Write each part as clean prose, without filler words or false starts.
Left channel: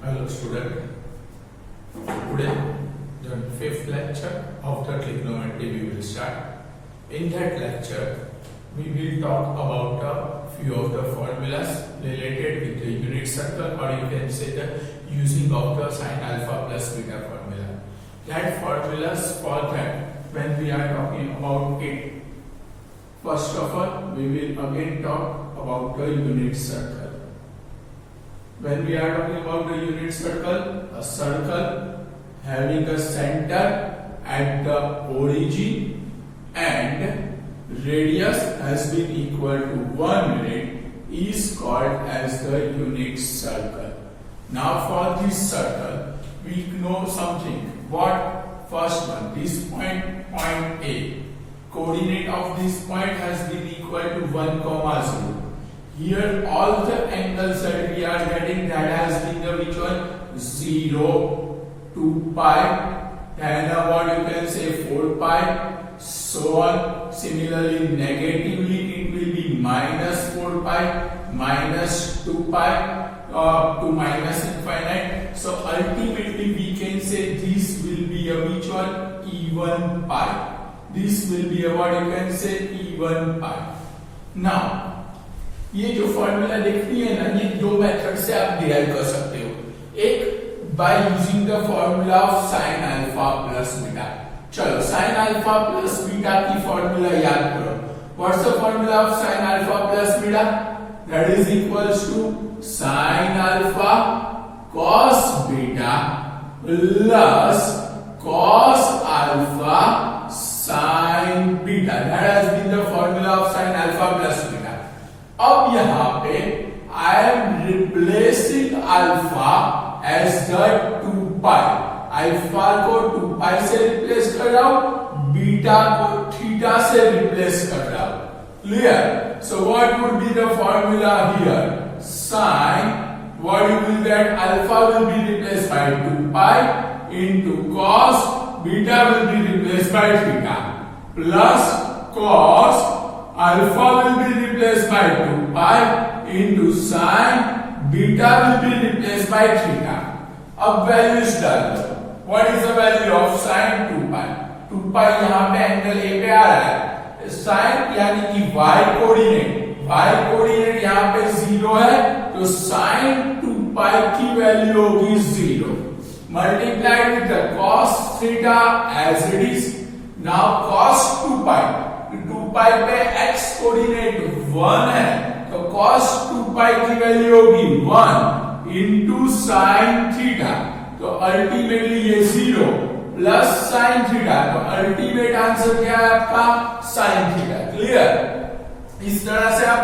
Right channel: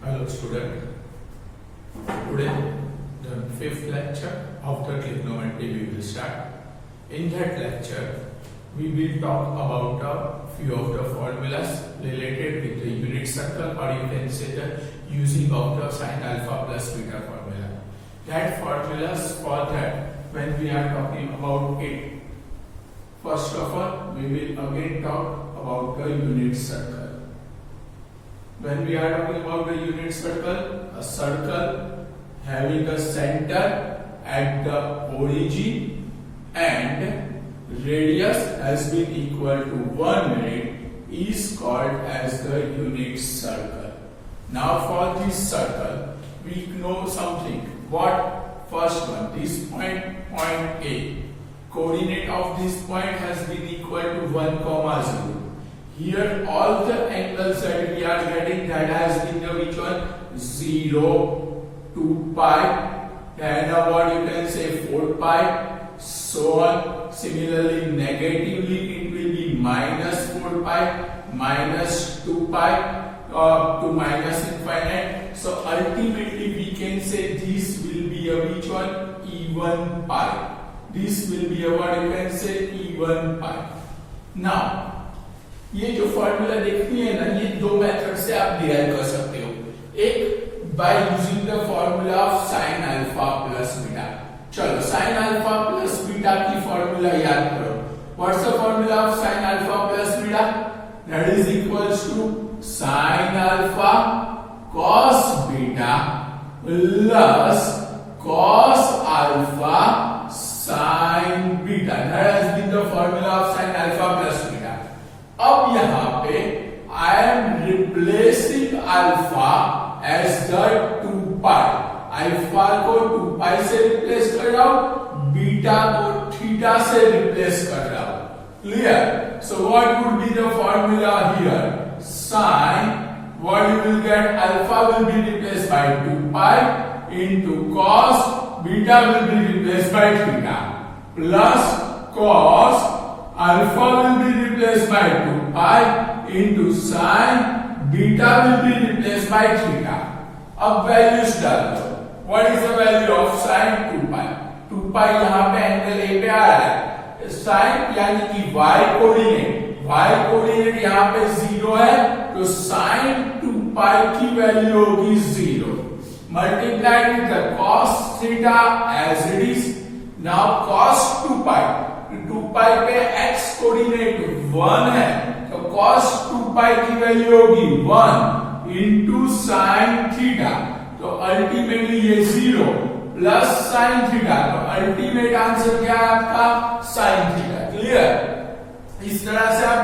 Hello student, today the fifth lecture of the trigonometry we will start. In that lecture we will talk about a few of the formulas related with the unit circle, or you can say the using of the sin alpha plus beta formula. That formulas for that when we are talking about it. First of all, we will again talk about the unit circle. When we are talking about the unit circle, a circle having a center at the origin and radius has been equal to 1 unit is called as the unit circle. Now for this circle, we know something. What? First one, this point A. Coordinate of this point has been equal to 1, 0. Here all the angles that we are getting, that has been the which one? 0, 2 pi, then what you can say 4 pi, so on. Similarly, negatively it will be minus 4 pi, minus 2 pi, to minus infinite. So ultimately we can say this will be a which one? Even pi. This will be a what you can say? Even pi. Now ये जो formula देखती है ना, ये दो method से आप derive कर सकते हो. एक by using the formula of sine alpha plus beta. चलो साइन अल्फा प्लस बीटा की फॉर्मूला याद करो. What's the formula of sine alpha plus beta? That is equals to sine alpha cos beta plus cos alpha sine beta. That has been the formula of sine alpha plus beta. अब यहां पे I am replacing alpha as the 2 pi. Alpha को 2 पाई से replace कर रहा हूं, beta को theta से रिप्लेस कर रहा हूं. Clear? So what would be the formula here? Sine, what you will get? Alpha will be replaced by 2 pi into cos, beta will be replaced by theta, plus cos alpha will be replaced by 2 pi into sin, beta will be replaced by theta. अब values डाल दो. What is the value of sin 2 pi? 2 pi यहाँ पे angle A पे आ रहा है. sin यानी कि y कोऑर्डिनेट यहाँ पे 0 है, तो sin 2 pi की वैल्यू होगी 0. Multiplied with the cos theta as it is. Now cos 2 pi. 2 पाई पे x कोऑर्डिनेट 1 है, तो cos 2 पाई की वैल्यू होगी 1 इंटू साइन थीटा. तो अल्टीमेटली ये 0 प्लस साइन थीटा. तो अल्टीमेट आंसर क्या है आपका? Sine theta. क्लियर? इस तरह से आप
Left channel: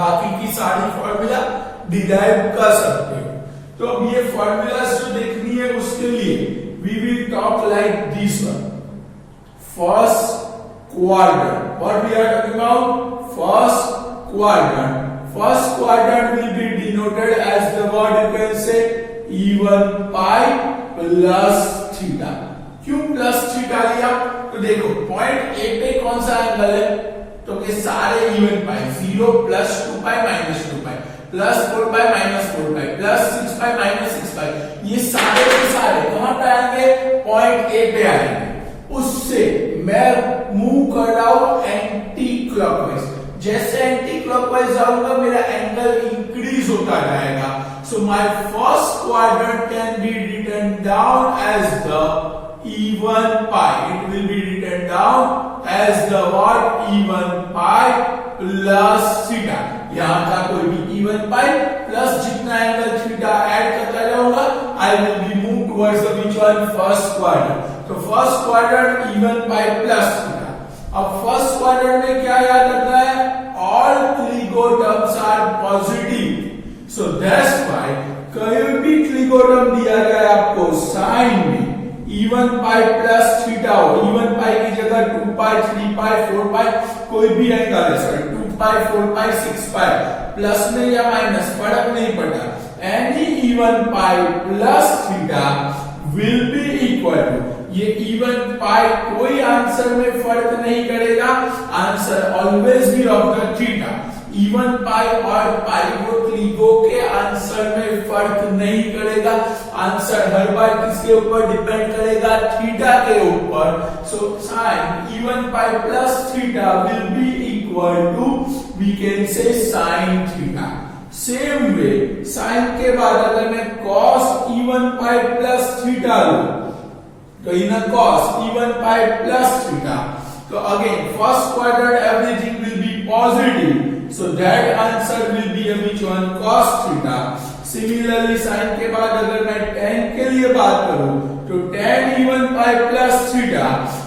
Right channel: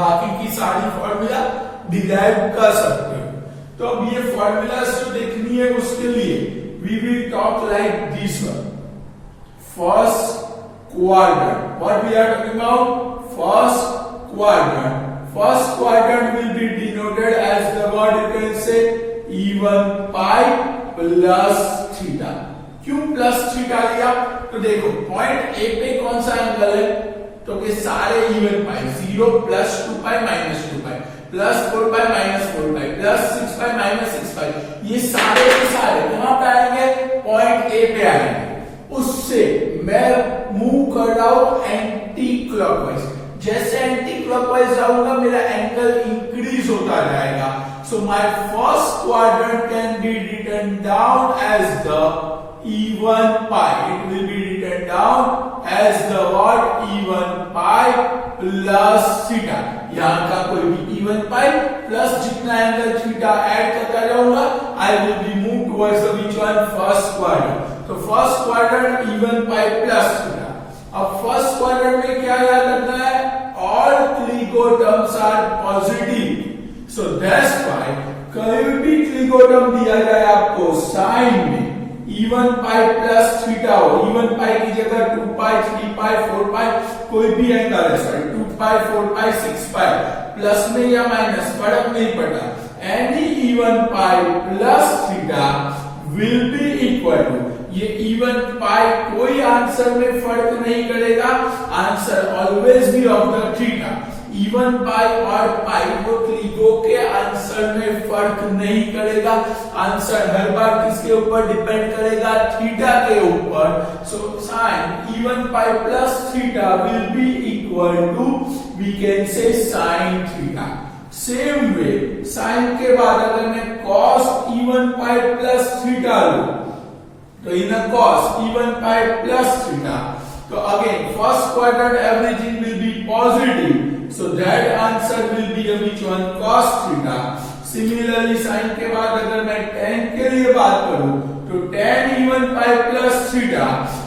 बाकी की सारी फॉर्मूला डिराइव कर सकते हो. तो अब ये फॉर्मूला जो देखनी है उसके लिए we will talk like this one. First quadrant. What we are talking about? First quadrant. First quadrant will be denoted as the what you can say even pi plus theta. क्यों plus theta लिया? तो देखो point A पे कौन सा angle है? तो ये सारे इवन पाई. 0 plus 2 pi minus 2 pi plus 4 pi minus 4 pi plus 6 pi minus 6 पाई. ये सारे के सारे कहां पे आएंगे? पॉइंट ए पे आएंगे. उससे मैं मूव कर रहा हूं एंटी क्लॉकवाइज. जैसे एंटी क्लॉकवाइज जाऊंगा मेरा एंगल इंक्रीज होता जाएगा. So my first quadrant can be written down as the even pi. It will be written down as the what? Even pi plus theta. यहां का कोई भी even pi प्लस जितना angle theta add करता जाऊंगा, I will be moved towards the which one? First quadrant. तो first quadrant even pi plus theta. अब first quadrant में क्या याद रखना है? All trigo terms are positive. So that's why कहीं भी ट्रिगोटम दिया जाए आपको साइन में, इवन पाई प्लस थीटा हो, इवन पाई की जगह 2 पाई 3 पाई 4 पाई कोई भी एंगल है, सॉरी 2 पाई 4 पाई 6 पाई, प्लस में या माइनस फर्क नहीं पड़ता. Any even pi plus theta will be equal to, ये इवन पाई कोई आंसर में फर्क नहीं करेगा, answer always be of the theta. Even pi और पाई को त्रिगो के आंसर में फर्क नहीं करेगा, आंसर हर बार किसके ऊपर डिपेंड करेगा, थीटा के ऊपर। So sine even pi plus theta will be equal to we can say sine theta. Same way sine के बाद अगर मैं cos even pi plus theta लूं तो in cos even pi plus theta, तो again first quadrant everything will be positive, so that answer will be which one, cos theta। Similarly sin के बाद अगर मैं tan के लिए बात करूं तो tan even pi plus theta,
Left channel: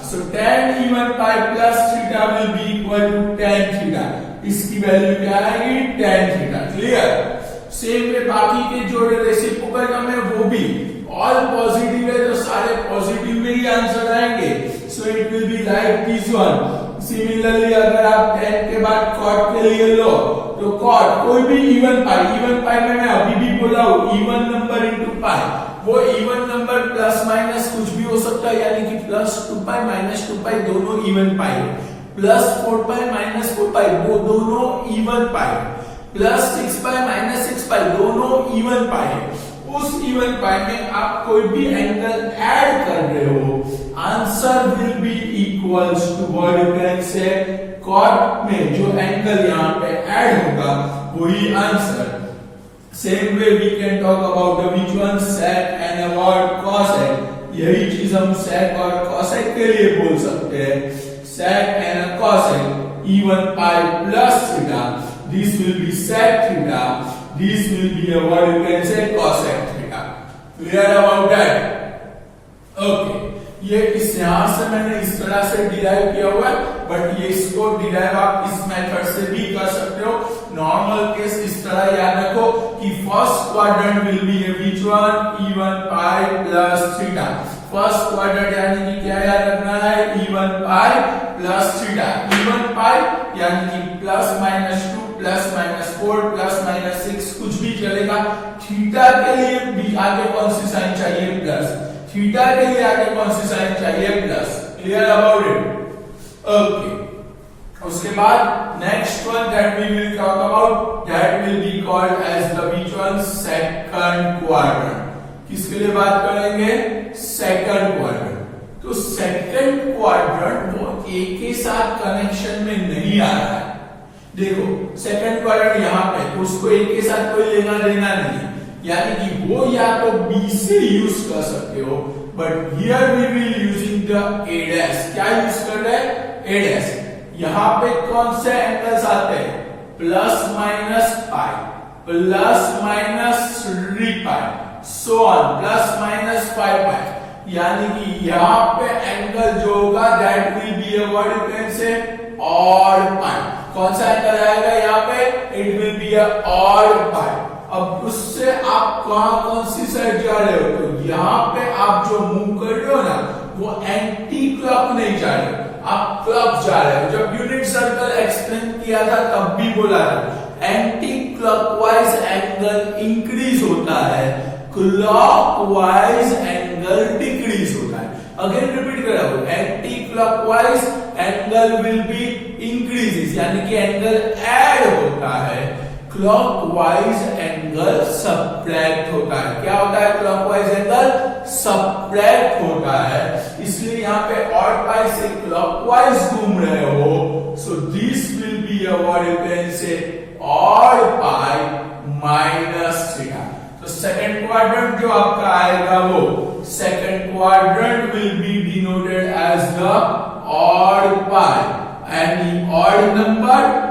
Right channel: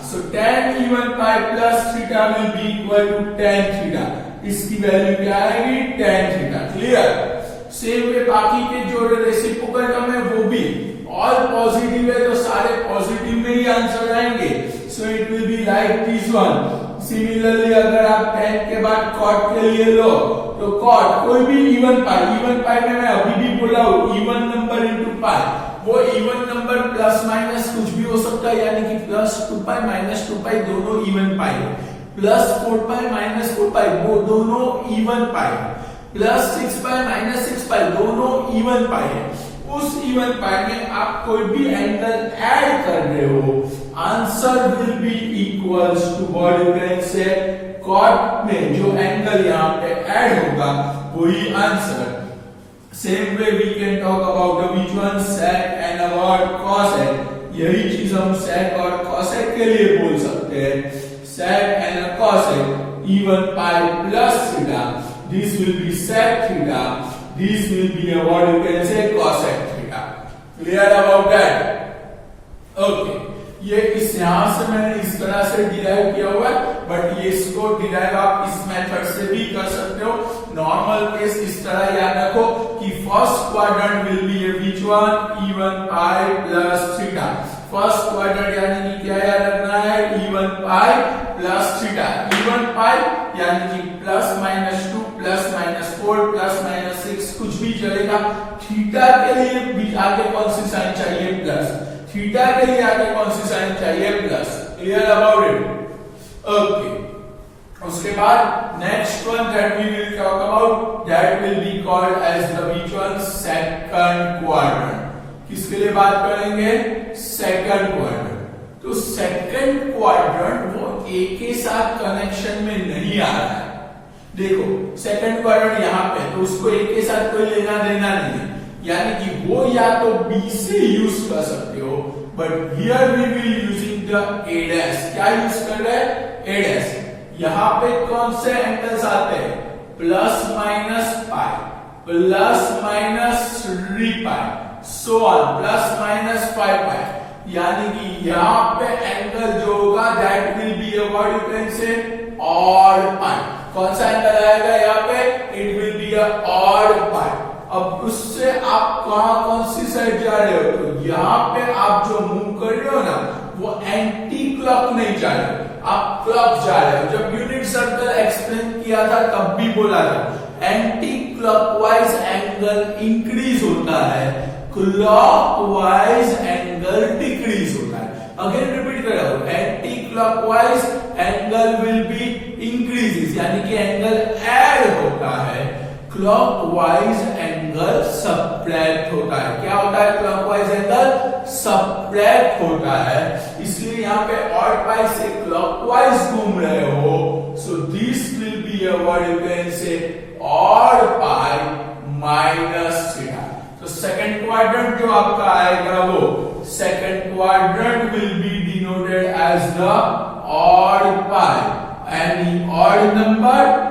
so tan even pi plus theta will be equal to tan theta। इसकी वैल्यू क्या आएगी, tan theta। Clear. Same way बाकी के जो रेसिप्रोकल टर्म है वो भी ऑल पॉजिटिव है तो सारे पॉजिटिव में ही आंसर आएंगे, सो it will be like this one. Similarly अगर आप tan के बाद cot के लिए लो तो cot कोई भी इवन पाई में मैं अभी भी बोला हूं इवन नंबर इनटू पाई, वो इवन नंबर प्लस माइनस कुछ भी हो सकता है, यानी कि प्लस 2 पाई माइनस 2 पाई दोनों इवन पाई है, प्लस 4 पाई माइनस 4 पाई वो दोनों even pi, plus 6 pi minus 6 पाई दोनों इवन पाई है। उस इवन पाई में आप कोई भी एंगल ऐड कर रहे हो, answer will be equals to what you can say cot में जो एंगल यहाँ पे ऐड होगा वही answer. Same way we can talk about which one, sec and about cosec। यही चीज हम sec और cosec के लिए बोल सकते हैं, sec and cosec even pi plus theta, this will B sec theta, this will be a what you can say cosec theta। clear about that? okay, ये इस यहां से मैंने इस तरह से डिराइव किया हुआ है, बट ये इसको डिराइव आप इस मेथड से भी कर सकते हो। नॉर्मल केस इस तरह याद रखो कि first quadrant will B which one, even pi plus theta. First quadrant यानी कि क्या याद रखना है, even pi plus theta. Even pi यानी कि plus minus 2 plus minus 4 plus minus 6 कुछ भी चलेगा। थीटा के लिए भी आगे कौन सी साइन चाहिए, प्लस। थीटा के लिए आगे कौन सी साइन चाहिए, plus. Clear about it? Okay, उसके बाद next one that we will talk about that will be called as the which one, second quadrant. किसके लिए बात करेंगे, सेकंड क्वाड्रेंट। तो सेकंड क्वाड्रेंट वो ए के साथ कनेक्शन में नहीं आ रहा है। देखो सेकंड क्वाड्रेंट यहाँ पे, तो उसको ए के साथ कोई लेना देना नहीं है, यानी कि वो या तो बी से यूज कर सकते हो, but here we will using the A dash. क्या यूज कर रहे हैं, ए डैश। यहाँ पे कौन से एंगल्स आते हैं, plus minus pi, plus minus 3 pi, so on, plus minus 5 पाई। यानी कि यहाँ पे एंगल जो होगा that will be a what you can say odd पाई। कौन सा एंगल आएगा यहाँ पे, it will be a odd pi. अब उससे आप कहां कौन सी साइड जा रहे हो, तो यहाँ पे आप जो मूव कर रहे हो ना वो एंटी क्लॉक नहीं जा रहे, आप क्लॉक जा रहे हो। जब यूनिट सर्कल एक्सप्लेन किया था तब भी बोला था एंटी क्लॉकवाइज एंगल इंक्रीज होता है, क्लॉकवाइज एंगल डिक्रीज होता है। अगेन रिपीट कर रहा हूं, anti clockwise angle will B increases, यानी कि एंगल ऐड होता है, क्लॉकवाइज एंगल सब्ट्रैक्ट होता है। क्या होता है, क्लॉकवाइज एंगल सब्ट्रैक्ट होता है। इसलिए यहाँ पे ऑड पाई से क्लॉकवाइज घूम रहे हो, so this will be a what you can say odd pi minus theta. तो सेकंड क्वाड्रेंट जो आपका आएगा वो second quadrant will be denoted as the odd pi and the odd number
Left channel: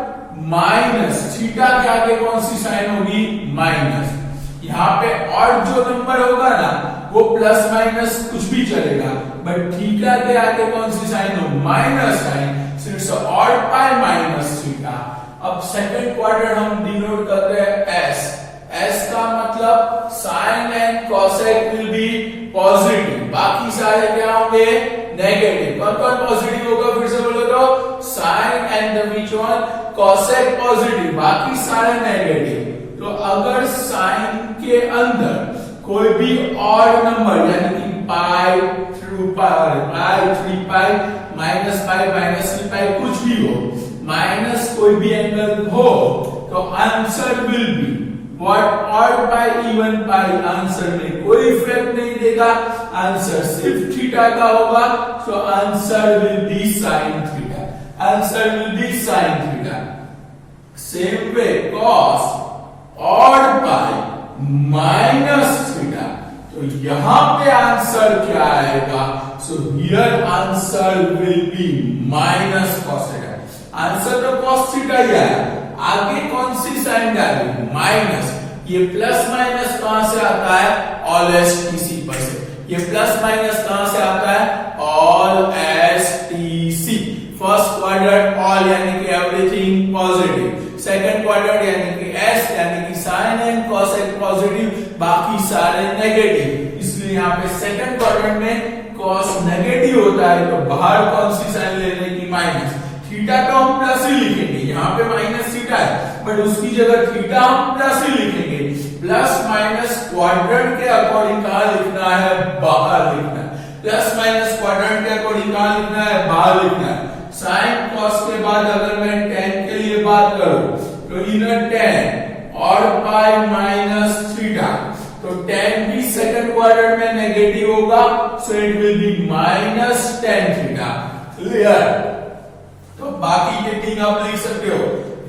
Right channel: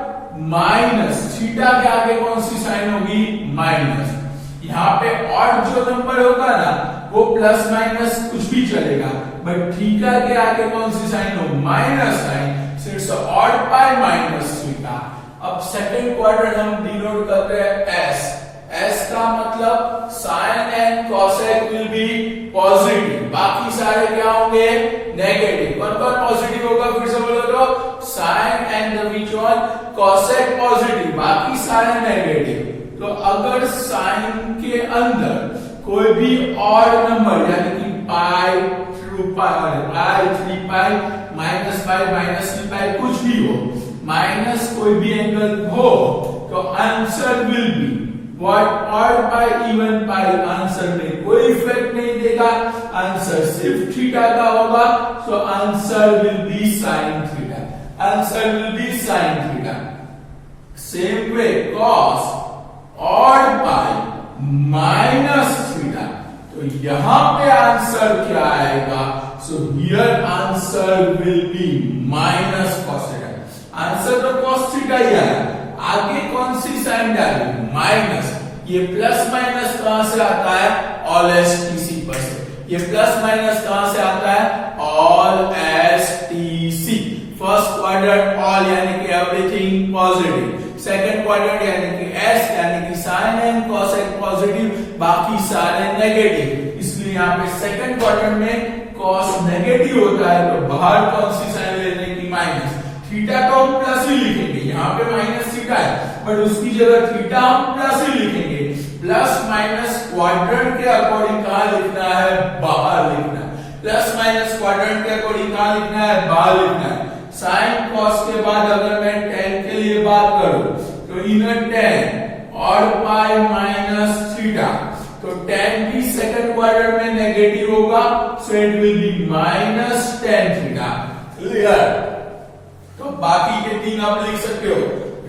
minus theta के आगे कौन सी साइन होगी, माइनस। यहाँ पे ऑड जो नंबर होगा ना वो प्लस माइनस कुछ भी चलेगा, बट थीटा के आगे कौन सी साइन हो, minus sign, so it's odd pi minus theta. अब सेकंड क्वाड्रेंट हम डिनोट करते हैं एस। एस का मतलब sine and cosec will be positive, बाकी सारे क्या होंगे, नेगेटिव। कौन कौन पॉजिटिव होगा, फिर से बोलो तो sine and the which one, cosec positive, बाकी सारे नेगेटिव। तो अगर साइन के अंदर कोई भी ऑड नंबर यानी कि पाई थ्रू पाई 3 पाई माइनस पाई माइनस 3 पाई कुछ भी हो, माइनस कोई भी एंगल हो, तो answer will be what odd pi even pi answer में कोई इफेक्ट नहीं देगा, आंसर सिर्फ थीटा का होगा, सो answer will be sine theta, answer will be sine theta. Same way cos odd pi minus theta, तो यहां पे आंसर क्या आएगा, so here answer will be minus cos theta, answer तो कॉस थीटा ही आया, आगे कौन सी साइन डाली, माइनस, ये प्लस माइनस कहां से आता है, ऑल एस टी सी पर से, ये प्लस माइनस कहां से आता है, all S T C, first quadrant all यानी कि एवरीथिंग पॉजिटिव, सेकंड क्वाड्रेंट यानी कि एस यानी कि साइन एंड कोसेक पॉजिटिव, बाकी सारे नेगेटिव, इसलिए यहाँ पे सेकंड क्वाड्रेंट में कॉस नेगेटिव होता है, तो बाहर कौन सी साइन लेने की, माइनस, थीटा तो हम प्लस ही लिखेंगे, यहाँ पे माइनस थीटा है बट उसकी जगह थीटा हम प्लस ही लिखेंगे, प्लस माइनस क्वाड्रेंट के अकॉर्डिंग कहां लिखना है, बाहर लिखना है, प्लस माइनस क्वाड्रेंट के अकॉर्डिंग कहां लिखना है, बाहर लिखना है। साइन कॉस के बाद अगर मैं tan के लिए बात करूं तो इनर tan और पाई माइनस थीटा, तो tan भी सेकंड क्वाड्रेंट में नेगेटिव होगा, so it will be minus tan theta, clear. तो बाकी के तीन आप लिख सकते हो,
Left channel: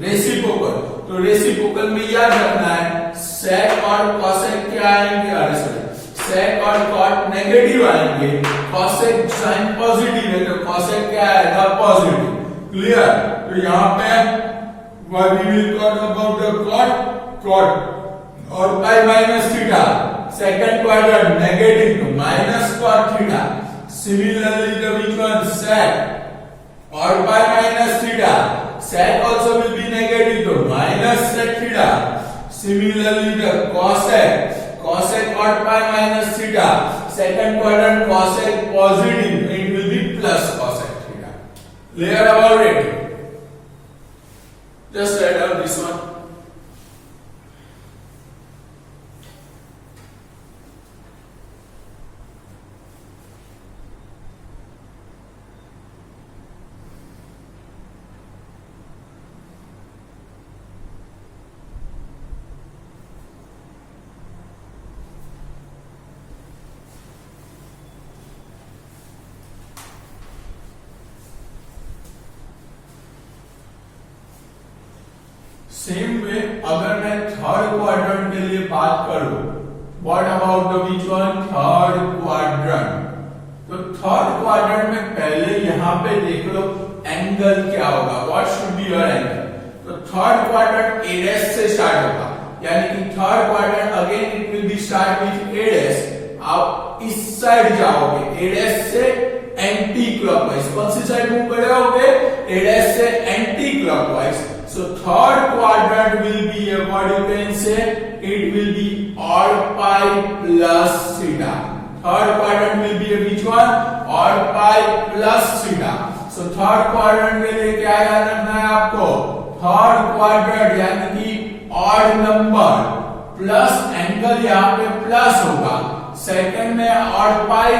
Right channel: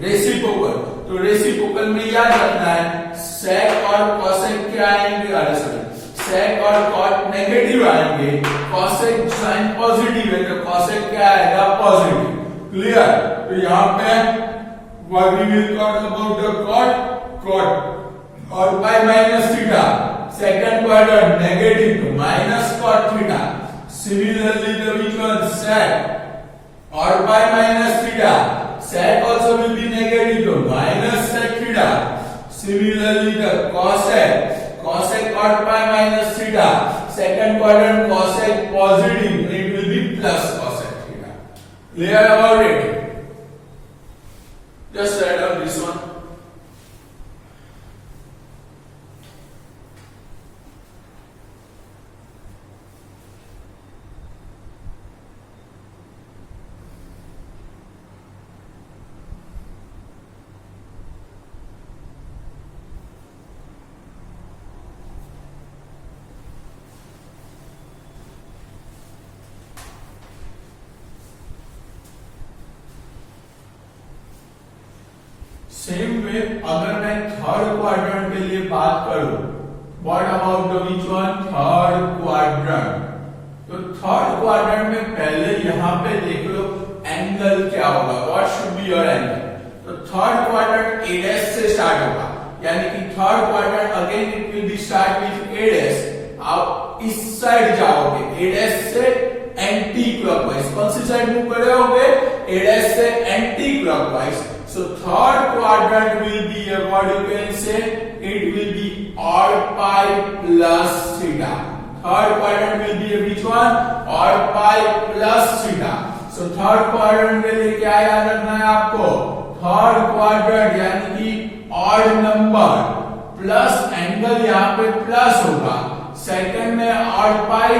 रेसिप्रोकल, तो रेसिप्रोकल में याद रखना है सेक और कॉसेक क्या आएंगे, सेक और कॉट नेगेटिव आएंगे, कॉसेक साइन पॉजिटिव है तो कॉसेक क्या आएगा, पॉजिटिव, क्लियर। तो यहाँ पे we will talk about the cot और pi minus theta, second quadrant negative तो minus cot theta, similarly the which one sec और pi minus theta, sec also will be negative तो minus sec theta, similarly the cosec, cosec और pi minus theta, second quadrant cosec positive, it will be plus cosec theta, clear about it, just write down this one। Same way अगर मैं third quadrant के लिए बात करूं, what about the which one, third quadrant, तो third quadrant में पहले यहां पे देख लो एंगल क्या होगा, what should be your angle, तो थर्ड क्वाड्रेंट ए डैश से स्टार्ट होगा, यानी कि third quadrant again it will B start with A dash, आप इस साइड जाओगे ए डैश से एंटी क्लॉकवाइज, कौन सी साइड मूव कर रहे होगे, ए डैश से anti clockwise, so third quadrant will be what you can say, it will be odd pi plus theta, third quadrant will be which one, odd pi plus theta, so third quadrant के लिए क्या याद रखना है आपको, third quadrant यानी कि odd number plus angle यहाँ पे प्लस होगा, सेकंड में odd pi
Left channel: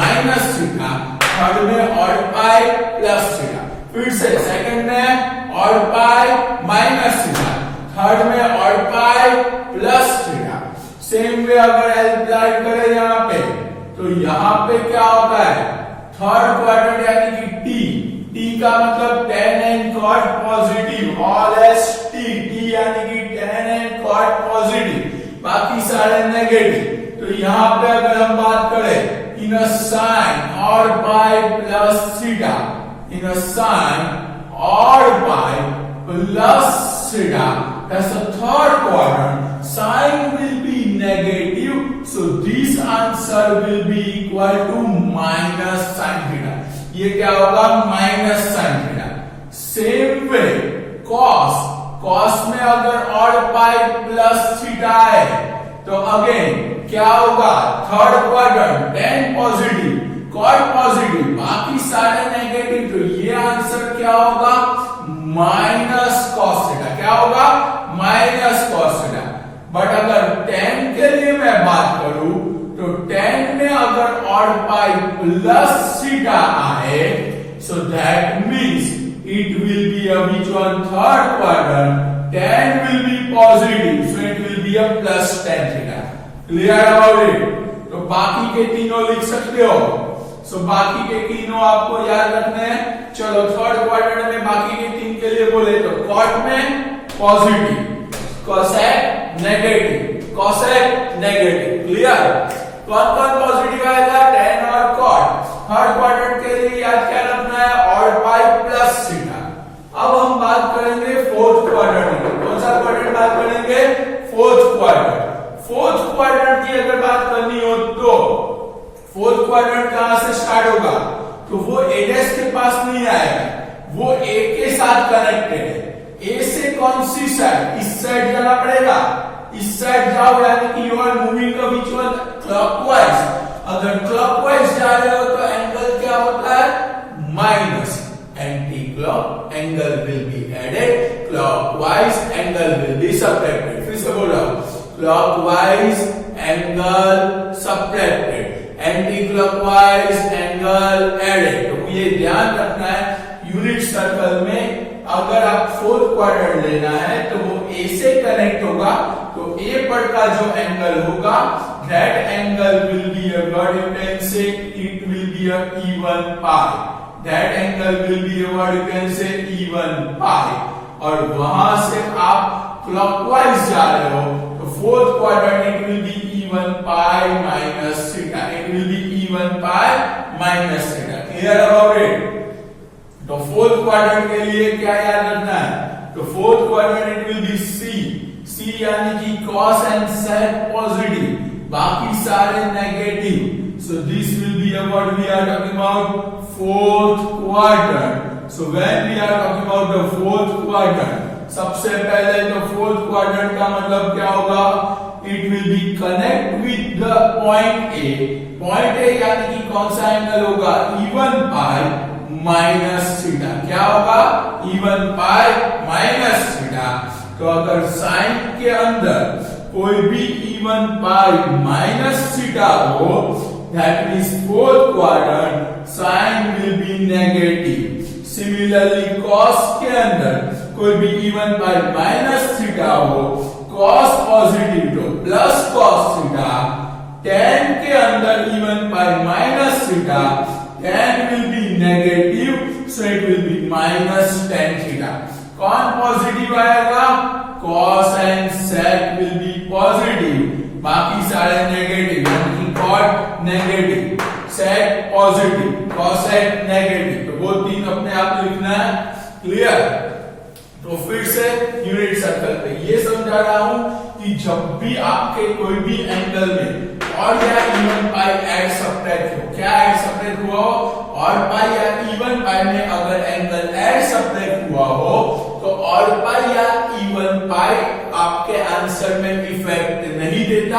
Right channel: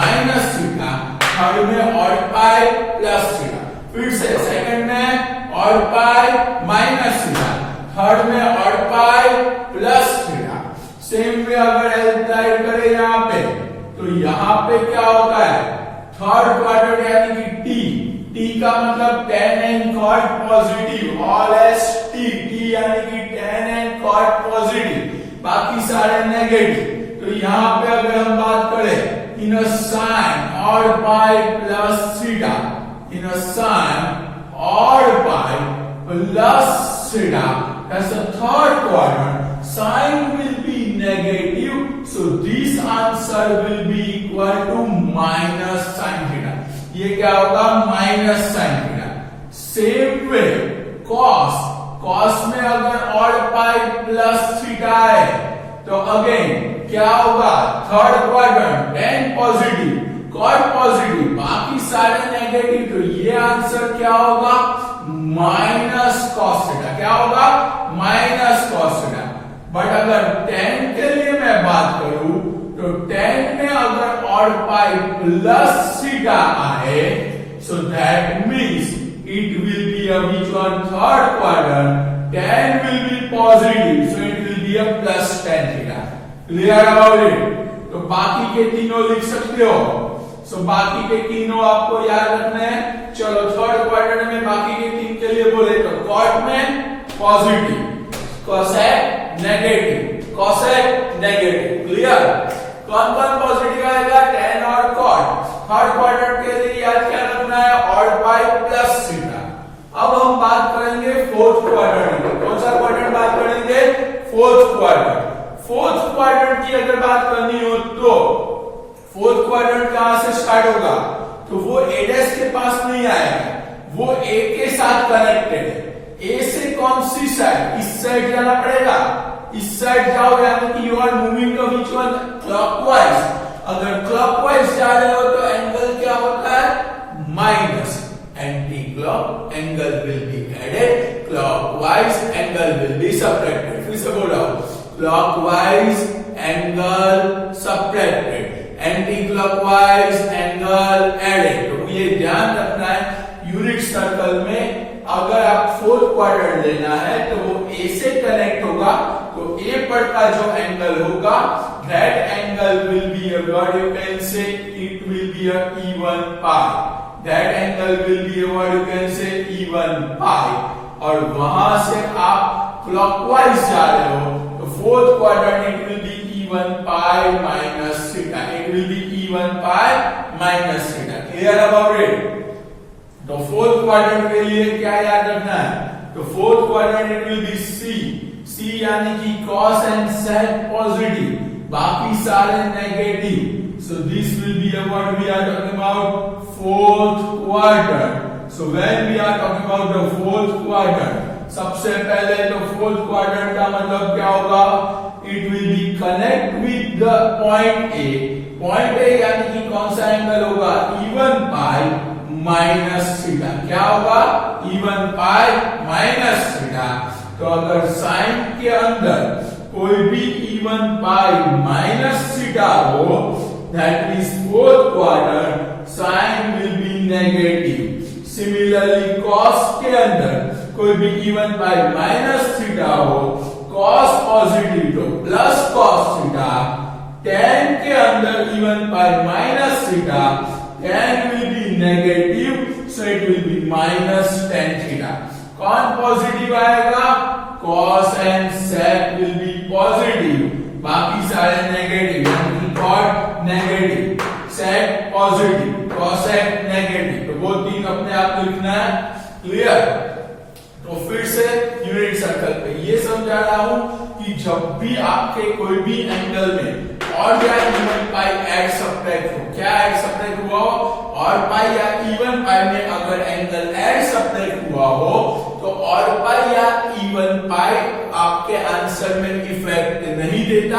minus theta, third में ऑड पाई प्लस थीटा, फिर से सेकंड में odd pi minus theta, third में odd pi plus theta. Same way अगर अप्लाई करें यहाँ पे तो यहाँ पे क्या होता है, थर्ड क्वाड्रेंट यानी कि टी का मतलब tan and cot positive, all S T यानी कि tan एंड cot पॉजिटिव, बाकी सारे नेगेटिव। तो यहाँ पे अगर हम बात करें in a sine odd pi plus theta, in a sine odd pi plus theta, that's the third quadrant, sine will be negative, so this answer will be equal to minus sin theta, ये क्या होगा, minus sin theta। same way cos में अगर odd pi plus theta है तो again क्या होगा, third quadrant tan positive cot positive, बाकी सारे नेगेटिव, तो ये आंसर क्या होगा, माइनस कॉस थीटा, क्या होगा, माइनस कॉस थीटा। बट अगर tan के लिए मैं बात करूं तो tan में अगर ऑड पाई प्लस थीटा आए, so that means it will be a which one, third quadrant, tan will be positive, so it will be clear about it? तो बाकी के तीनों लिख सकते हो। सो बाकी के तीनों आपको याद रखने हैं। चलो थर्ड क्वाड्रेंट में बाकी के तीन के लिए बोले तो कॉट में positive, cosec negative, cosec negative. Clear? कौन कौन पॉजिटिव आएगा? tan और cot। थर्ड क्वाड्रेंट के लिए याद क्या रखना है? Odd pi plus theta. अब हम बात करेंगे फोर्थ क्वाड्रेंट की। कौन सा क्वाड्रेंट बात करेंगे? Fourth quadrant. फोर्थ क्वाड्रेंट की अगर बात करनी हो तो फोर्थ क्वाड्रेंट कहां से स्टार्ट होगा? तो वो ए डैश के पास नहीं आएगा, वो ए के साथ कनेक्टेड है। ए से कौन सी साइड? इस साइड जाना पड़ेगा। इस साइड जाओ यानी कि you are moving the which one? Clockwise. अगर क्लॉकवाइज जा रहे हो तो एंगल क्या होता है? Minus. Anti clock angle will be added, clockwise angle will be subtracted. फिर से बोल रहा हूं, clockwise angle subtracted, anti clockwise angle added. तो ये ध्यान रखना है यूनिट सर्कल में। अगर आप फोर्थ क्वाड्रेंट लेना है तो वो ए से कनेक्ट होगा, तो ए पर का जो एंगल होगा that angle will be what you can से it will be a even pi. That angle will be what you can से इवन पाई। और वहां से आप क्लॉकवाइज जा रहे हो तो fourth quadrant it will be even pi minus theta. It will be even pi minus theta. Clear about it? तो फोर्थ क्वाड्रेंट के लिए क्या याद रखना है? तो fourth quadrant it will B C. C यानी कि cos एंड sec पॉजिटिव, बाकी सारे negative. So this will be what we are talking about? Fourth quadrant. So when we are talking about the fourth quadrant, सबसे पहले तो fourth quadrant का मतलब क्या होगा? It will be connect with the point A. Point A यानी कि कौन सा एंगल होगा? Even pi minus theta. क्या होगा? Even pi minus theta. तो अगर साइन के अंदर कोई भी इवन पाई माइनस थीटा हो, that means fourth quadrant sine will be negative. Similarly cos के अंदर कोई भी इवन पाई माइनस थीटा हो, कॉस पॉजिटिव तो प्लस कॉस थीटा। tan के अंदर even pi minus theta, tan will be negative, so it will be minus tan theta. कौन positive आएगा? cos and sec will be positive, बाकी सारे negative, यानी cot negative, sec positive, cosec negative. तो वो तीन अपने आप लिखना है। क्लियर? तो फिर से यूनिट सर्कल पे ये समझा रहा हूं कि जब भी आपके कोई भी एंगल में और या इवन पाई ऐड सब्ट्रैक्ट हो, क्या ऐड सब्ट्रैक्ट हुआ हो? और पाई या इवन पाई में अगर एंगल ऐड सब्ट्रैक्ट हुआ हो तो और पाई या इवन पाई आपके आंसर में इफेक्ट नहीं देता।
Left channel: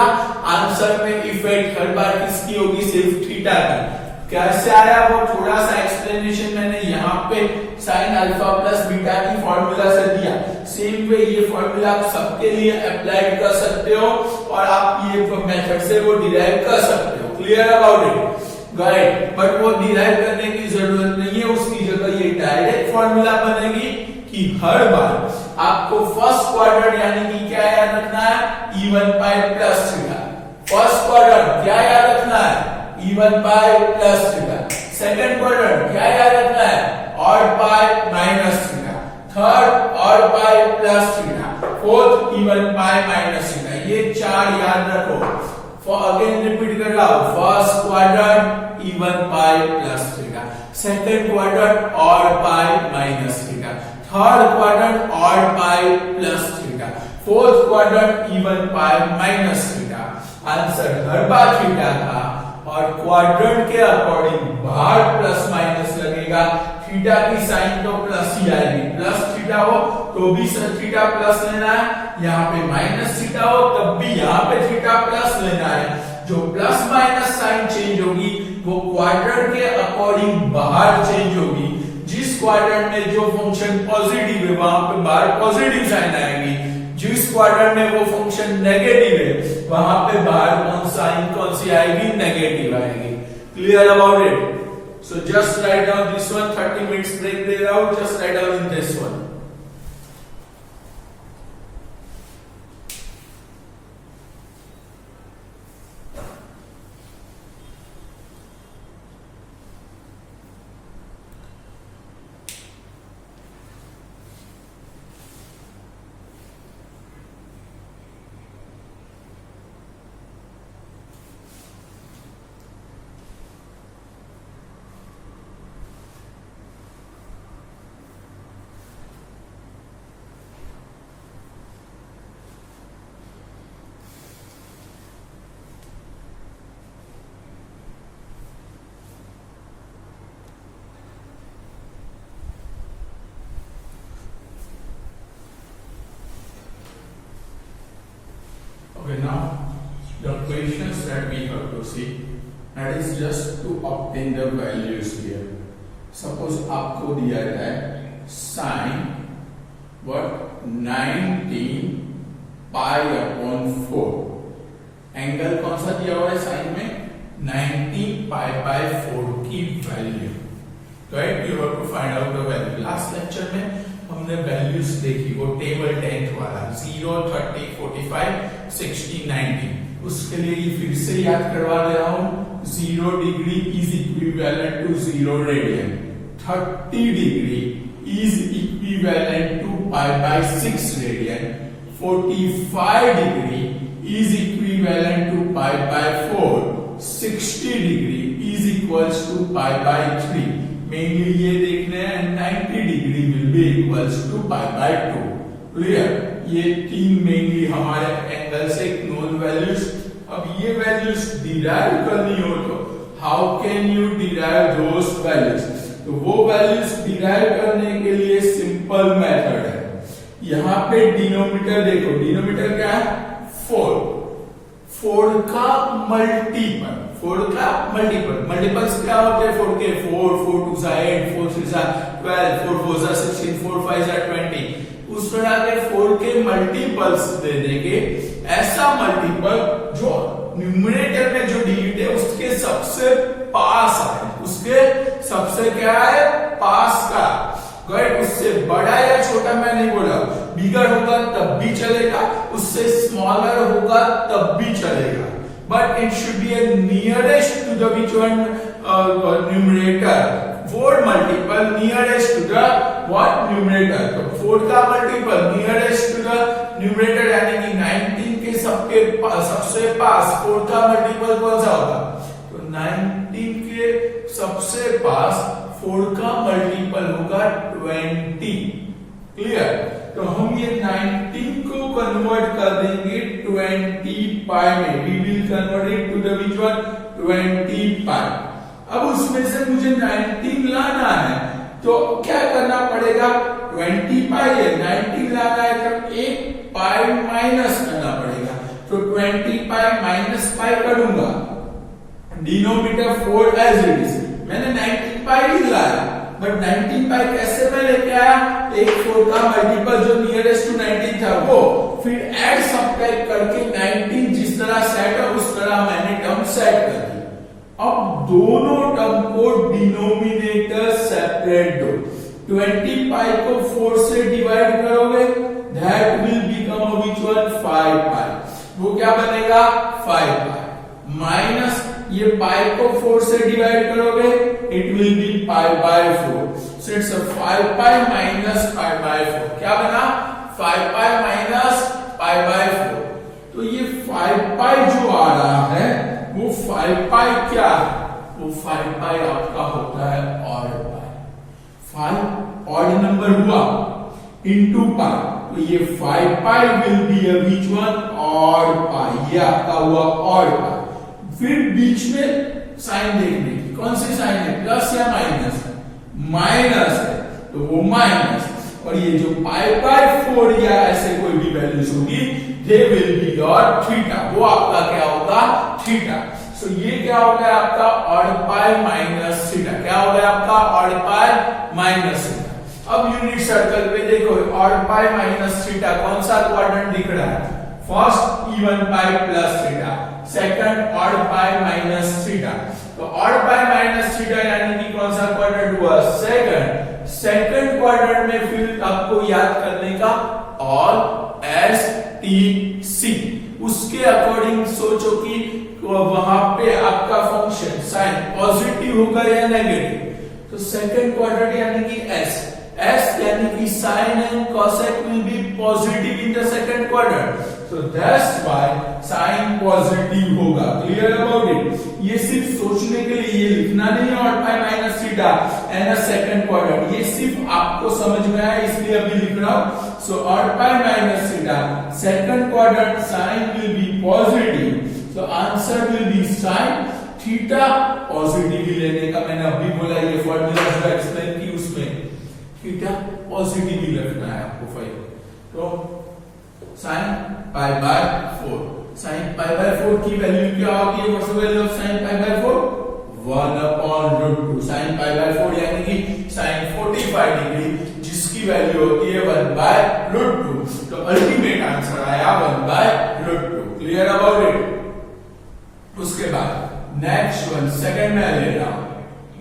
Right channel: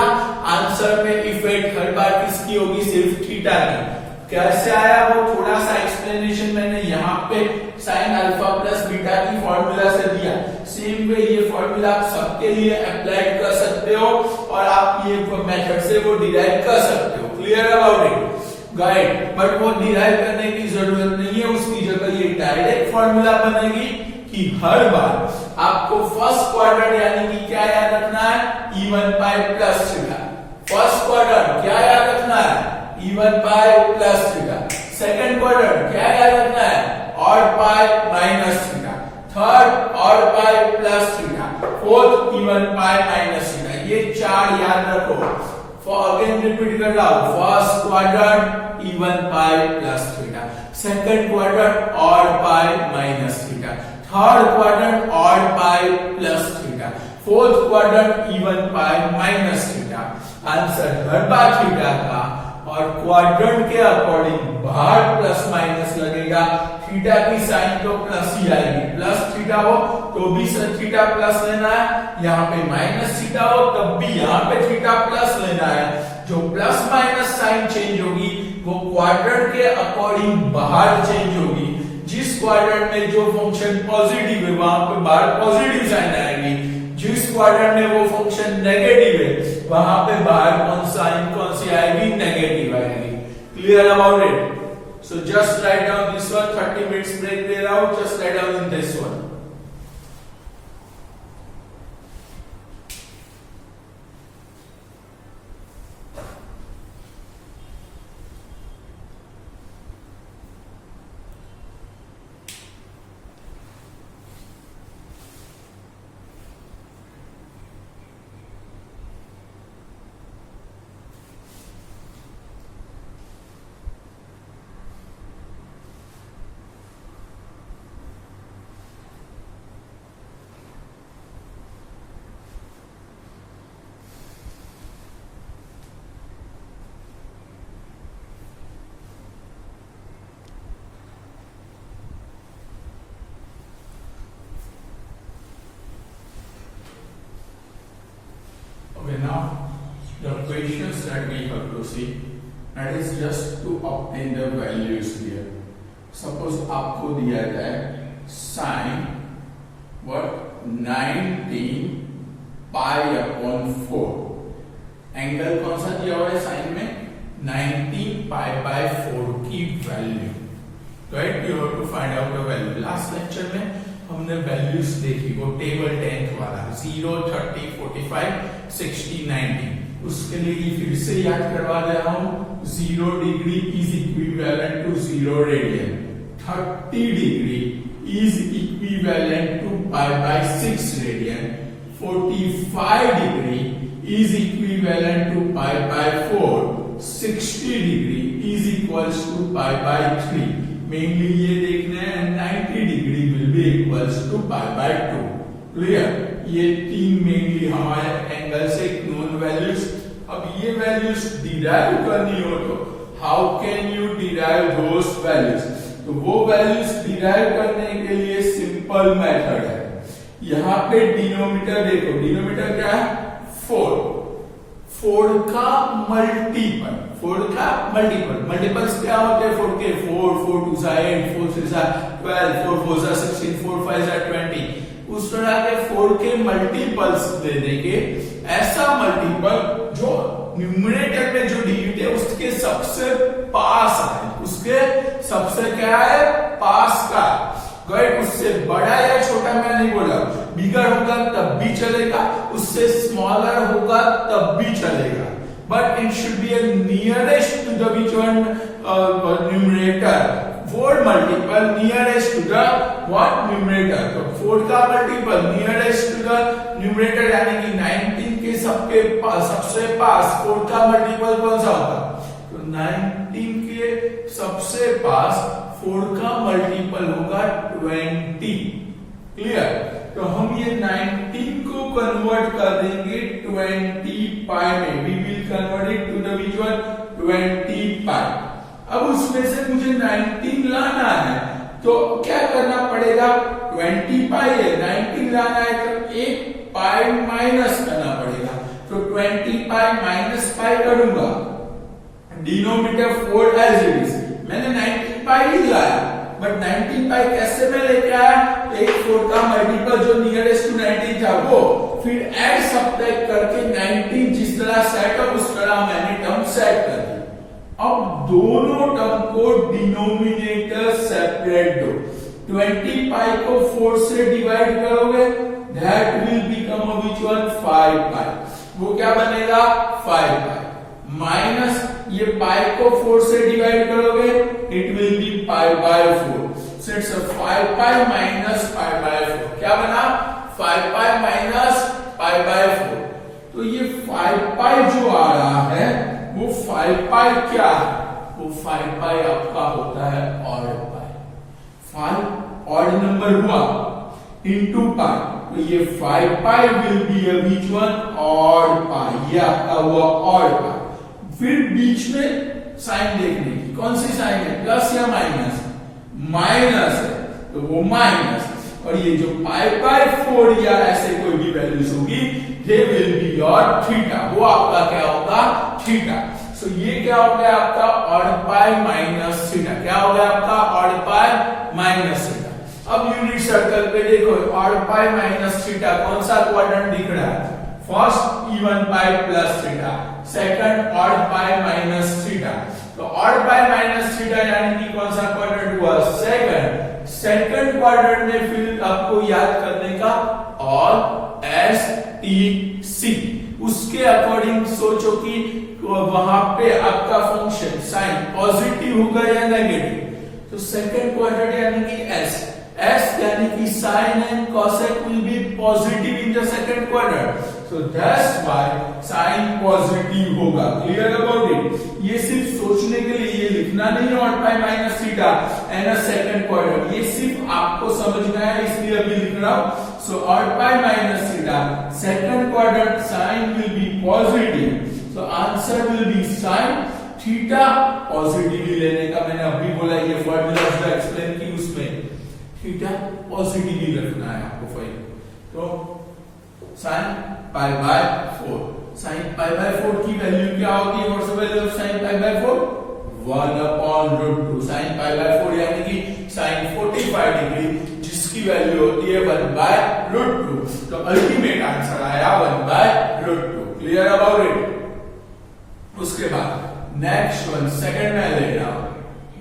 आंसर में इफेक्ट हर बार किसकी होगी? सिर्फ थीटा की। कैसे आया वो थोड़ा सा एक्सप्लेनेशन मैंने यहाँ पे साइन अल्फा प्लस बीटा की फॉर्मूला से दिया। सेम वे ये फॉर्मूला आप सबके लिए अप्लाई कर सकते हो और आप ये मेथड से वो डिराइव कर सकते हो। Clear about it? Guide, but वो डिराइव करने की जरूरत नहीं है, उसकी जगह ये डायरेक्ट फॉर्मूला बनेगी कि हर बार आपको फर्स्ट क्वाड्रेंट यानी कि क्या याद रखना है? Even pi plus theta. First quadrant क्या याद रखना है? Even pi plus theta. Second quadrant क्या याद रखना है? Odd pi minus theta. Third odd pi plus theta. Fourth even pi minus theta. ये चार याद रखो। अगेन रिपीट कर रहा हूं, first quadrant even pi plus theta, second quadrant odd pi minus theta, third quadrant odd pi plus theta, fourth quadrant even pi minus theta. Answer हर बार theta का और quadrant के अकॉर्डिंग बाहर प्लस माइनस लगेगा। Theta की sign तो plus ही आएगी, plus theta हो तो भी थीटा प्लस लेना है, यहाँ पे माइनस थीटा हो तब भी यहाँ पे थीटा प्लस लेना है। जो प्लस माइनस साइन चेंज होगी वो क्वाड्रेंट के अकॉर्डिंग बाहर चेंज होगी। जिस क्वाड्रेंट में जो फंक्शन पॉजिटिव है वहां पे बाहर पॉजिटिव साइन आएगी, जिस क्वाड्रेंट में वो फंक्शन नेगेटिव है वहां पे बाहर कौन सी आएगी? नेगेटिव आएगी। Clear about it? So just write down this one. 30 minutes break दे रहा हूं, just write down in this one. Okay, now the questions that we have to see, that is just to obtain the values here. Suppose आपको दिया जाए sin what 19 pi upon 4, angle कौन सा दिया हुआ है साइन में 19 पाई बाय 4 की value, right? You have to find out the value. Last lecture में हमने वैल्यूज देखी, वो टेबल 10th वाला 0, 30, 45, 60, 90, उसके लिए ये फिर से याद करवा दे रहा हूं। 0 degree is equivalent to 0 radian, 30 degree is equivalent to pi by 6 radian, 45 degree is equivalent to pi by 4, 60 degree is equals to pi by 3। Mainly ये देखना है 90 degree will be equals to pi by 2। Clear? ये तीन mainly हमारे angle से known values. अब ये values derive करनी हो तो how can you derive those values? तो वो वैल्यूज डिराइव करने के लिए सिंपल मेथड है। यहां पे डिनोमिनेटर देखो, डिनोमिनेटर क्या है 4, 4 का मल्टीपल, 4 का मल्टीपल्स क्या होते हैं 4 के? 4, 4 2 8, 4 3 12, 4 4 16, 4 5 20। उस तरह के 4 के मल्टीपल्स दे देंगे, ऐसा मल्टीपल जो न्यूमरेटर में जो डिजिट है उसके सबसे पास है, उसके सबसे क्या है पास का, राइट? उससे बड़ा या छोटा मैं नहीं बोला, बिगर होगा तब भी चलेगा, उससे स्मॉलर होगा तब भी चलेगा, but it should be a nearest to the which one numerator, 4 multiple nearest to the what numerator, तो 4 का multiple nearest to the numerator यानी कि 19 के सबसे पास 4 का multiple कौन सा होगा? तो 19 के सबसे पास 4 का multiple होगा 20। क्लियर? तो हम ये 19 को कन्वर्ट कर देंगे 20 पाई में, we will convert it to the which one 20 पाई। अब उसमें से मुझे 19 लाना है तो क्या करना पड़ेगा? 20 पाई है, 19 लाना है तो 1 पाई माइनस करना पड़ेगा, तो 20 पाई माइनस पाई करूंगा, डिनोमिनेटर 4 एज इट इज। मैंने 19 पाई ही लाया, बट 19 पाई कैसे मैं लेके आया? एक 4 का मल्टीपल जो नियरेस्ट टू 19 था वो, फिर ऐड सब्ट्रैक्ट करके 19 जिस तरह सेट हो उस तरह मैंने टर्म सेट कर दी। अब दोनों टर्म को डिनोमिनेटर सेपरेट दो, 20 पाई को 4 से डिवाइड करोगे, that will become which one 5 पाई, वो क्या बनेगा 5 पाई, माइनस ये पाई को 4 से डिवाइड करोगे, it will B pi by 4, so it's 5 pi minus pi by 4, क्या बना 5 पाई माइनस पाई बाय 4। तो ये 5 पाई जो आ रहा है वो 5 पाई क्या है? वो 5 पाई आपका होता है ऑड पाई, 5 ऑड नंबर हुआ इनटू पाई, तो ये 5 pi will be a which one odd pi, ये आपका हुआ ऑड पाई। फिर बीच में साइन देखने की, कौन सी साइन है, प्लस या माइनस? माइनस है, तो वो माइनस, और ये जो पाई बाय 4 या ऐसे कोई भी वैल्यूज होगी, they will be your theta, वो आपका क्या होगा थीटा। सो ये क्या हो गया आपका ऑड पाई माइनस थीटा, क्या हो गया आपका ऑड पाई माइनस थीटा। अब यूनिट सर्कल पे देखो, ऑड पाई माइनस थीटा कौन सा क्वाड्रेंट दिख रहा है? First even pi plus theta, second odd pi minus theta. तो ऑड पाई माइनस थीटा यानी कि कौन सा क्वाड्रेंट हुआ? सेकंड क्वाड्रेंट में फिर आपको याद करने का ऑल एस टी सी, उसके अकॉर्डिंग सोचो कि वहां पे आपका फंक्शन साइन पॉजिटिव होगा या नेगेटिव। तो सेकंड क्वाड्रेंट यानी कि एस यानी कि sine and cosec will be positive in the second quadrant, so that's why sine positive होगा। Clear about it? ये सिर्फ सोचने के लिए, ये लिखना नहीं है odd pi minus theta and a second quadrant, ये सिर्फ आपको समझना है इसलिए अभी लिख रहा हूं। So odd pi minus theta, second quadrant sine will be positive, so answer will be sine theta positive लेने का। मैंने अभी बोला ये फॉर्मूला जो एक्सप्लेन की उसमें थीटा पॉजिटिव ही रखना है आपको फाइल। तो sign pi by 4, sin pi by 4 की वैल्यू क्या होगी? What's the value of sin pi by 4? 1/√2 sin pi by 4 यानी कि sin 45 डिग्री जिसकी वैल्यू होती है 1/√2। तो अल्टीमेट आंसर आया 1/√2। Clear about it? उसके बाद नेक्स्ट वन सेकंड में ले रहा हूं,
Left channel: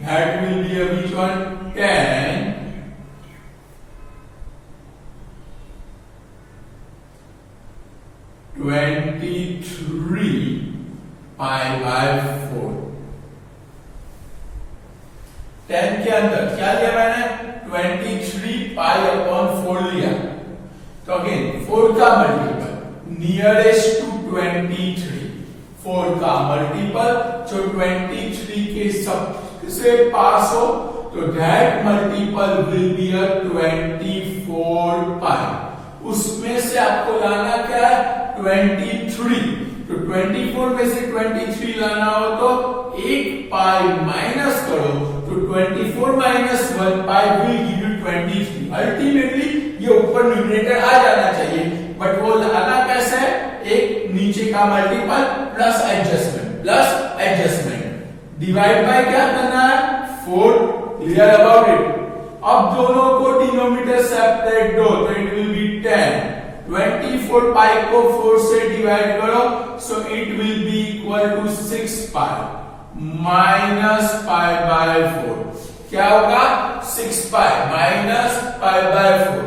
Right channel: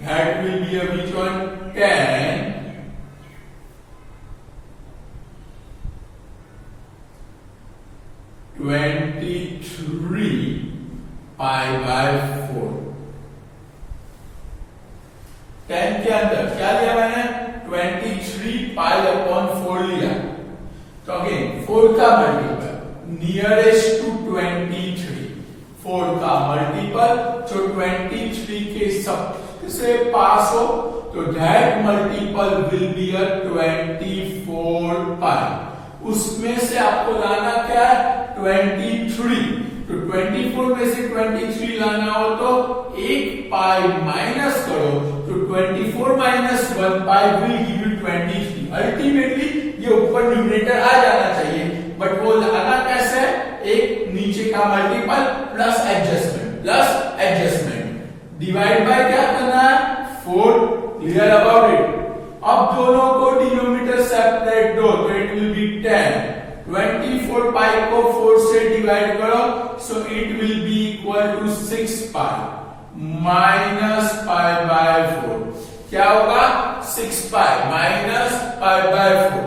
that will B which one? 10 23 pi by 4। 10 के अंदर क्या लिया मैंने? 23 पाई अपॉन 4 लिया। तो अगेन 4 का मल्टीपल नियरेस्ट टू 23, 4 का मल्टीपल जो 23 के सबसे पास हो, तो दैट मल्टीपल विल बी अ 24 पाई। उसमें से आपको लाना क्या है? 23। तो 24 में से 23 लाना हो तो 1 पाई माइनस करो, तो 24 minus 1 pi will give you 23। Ultimately ये ऊपर न्यूमरेटर आ जाना चाहिए, बट वो लाना कैसे है? एक नीचे का multiple plus adjustment divide by क्या करना है? 4। Clear about it? अब दोनों को डिनोमिनेटर सेपरेट दो, तो इट विल बी 10। 24 पाई को 4 से डिवाइड करो, so it will be equal to 6 pi minus pi by 4। क्या होगा? 6 पाई माइनस पाई बाय 4।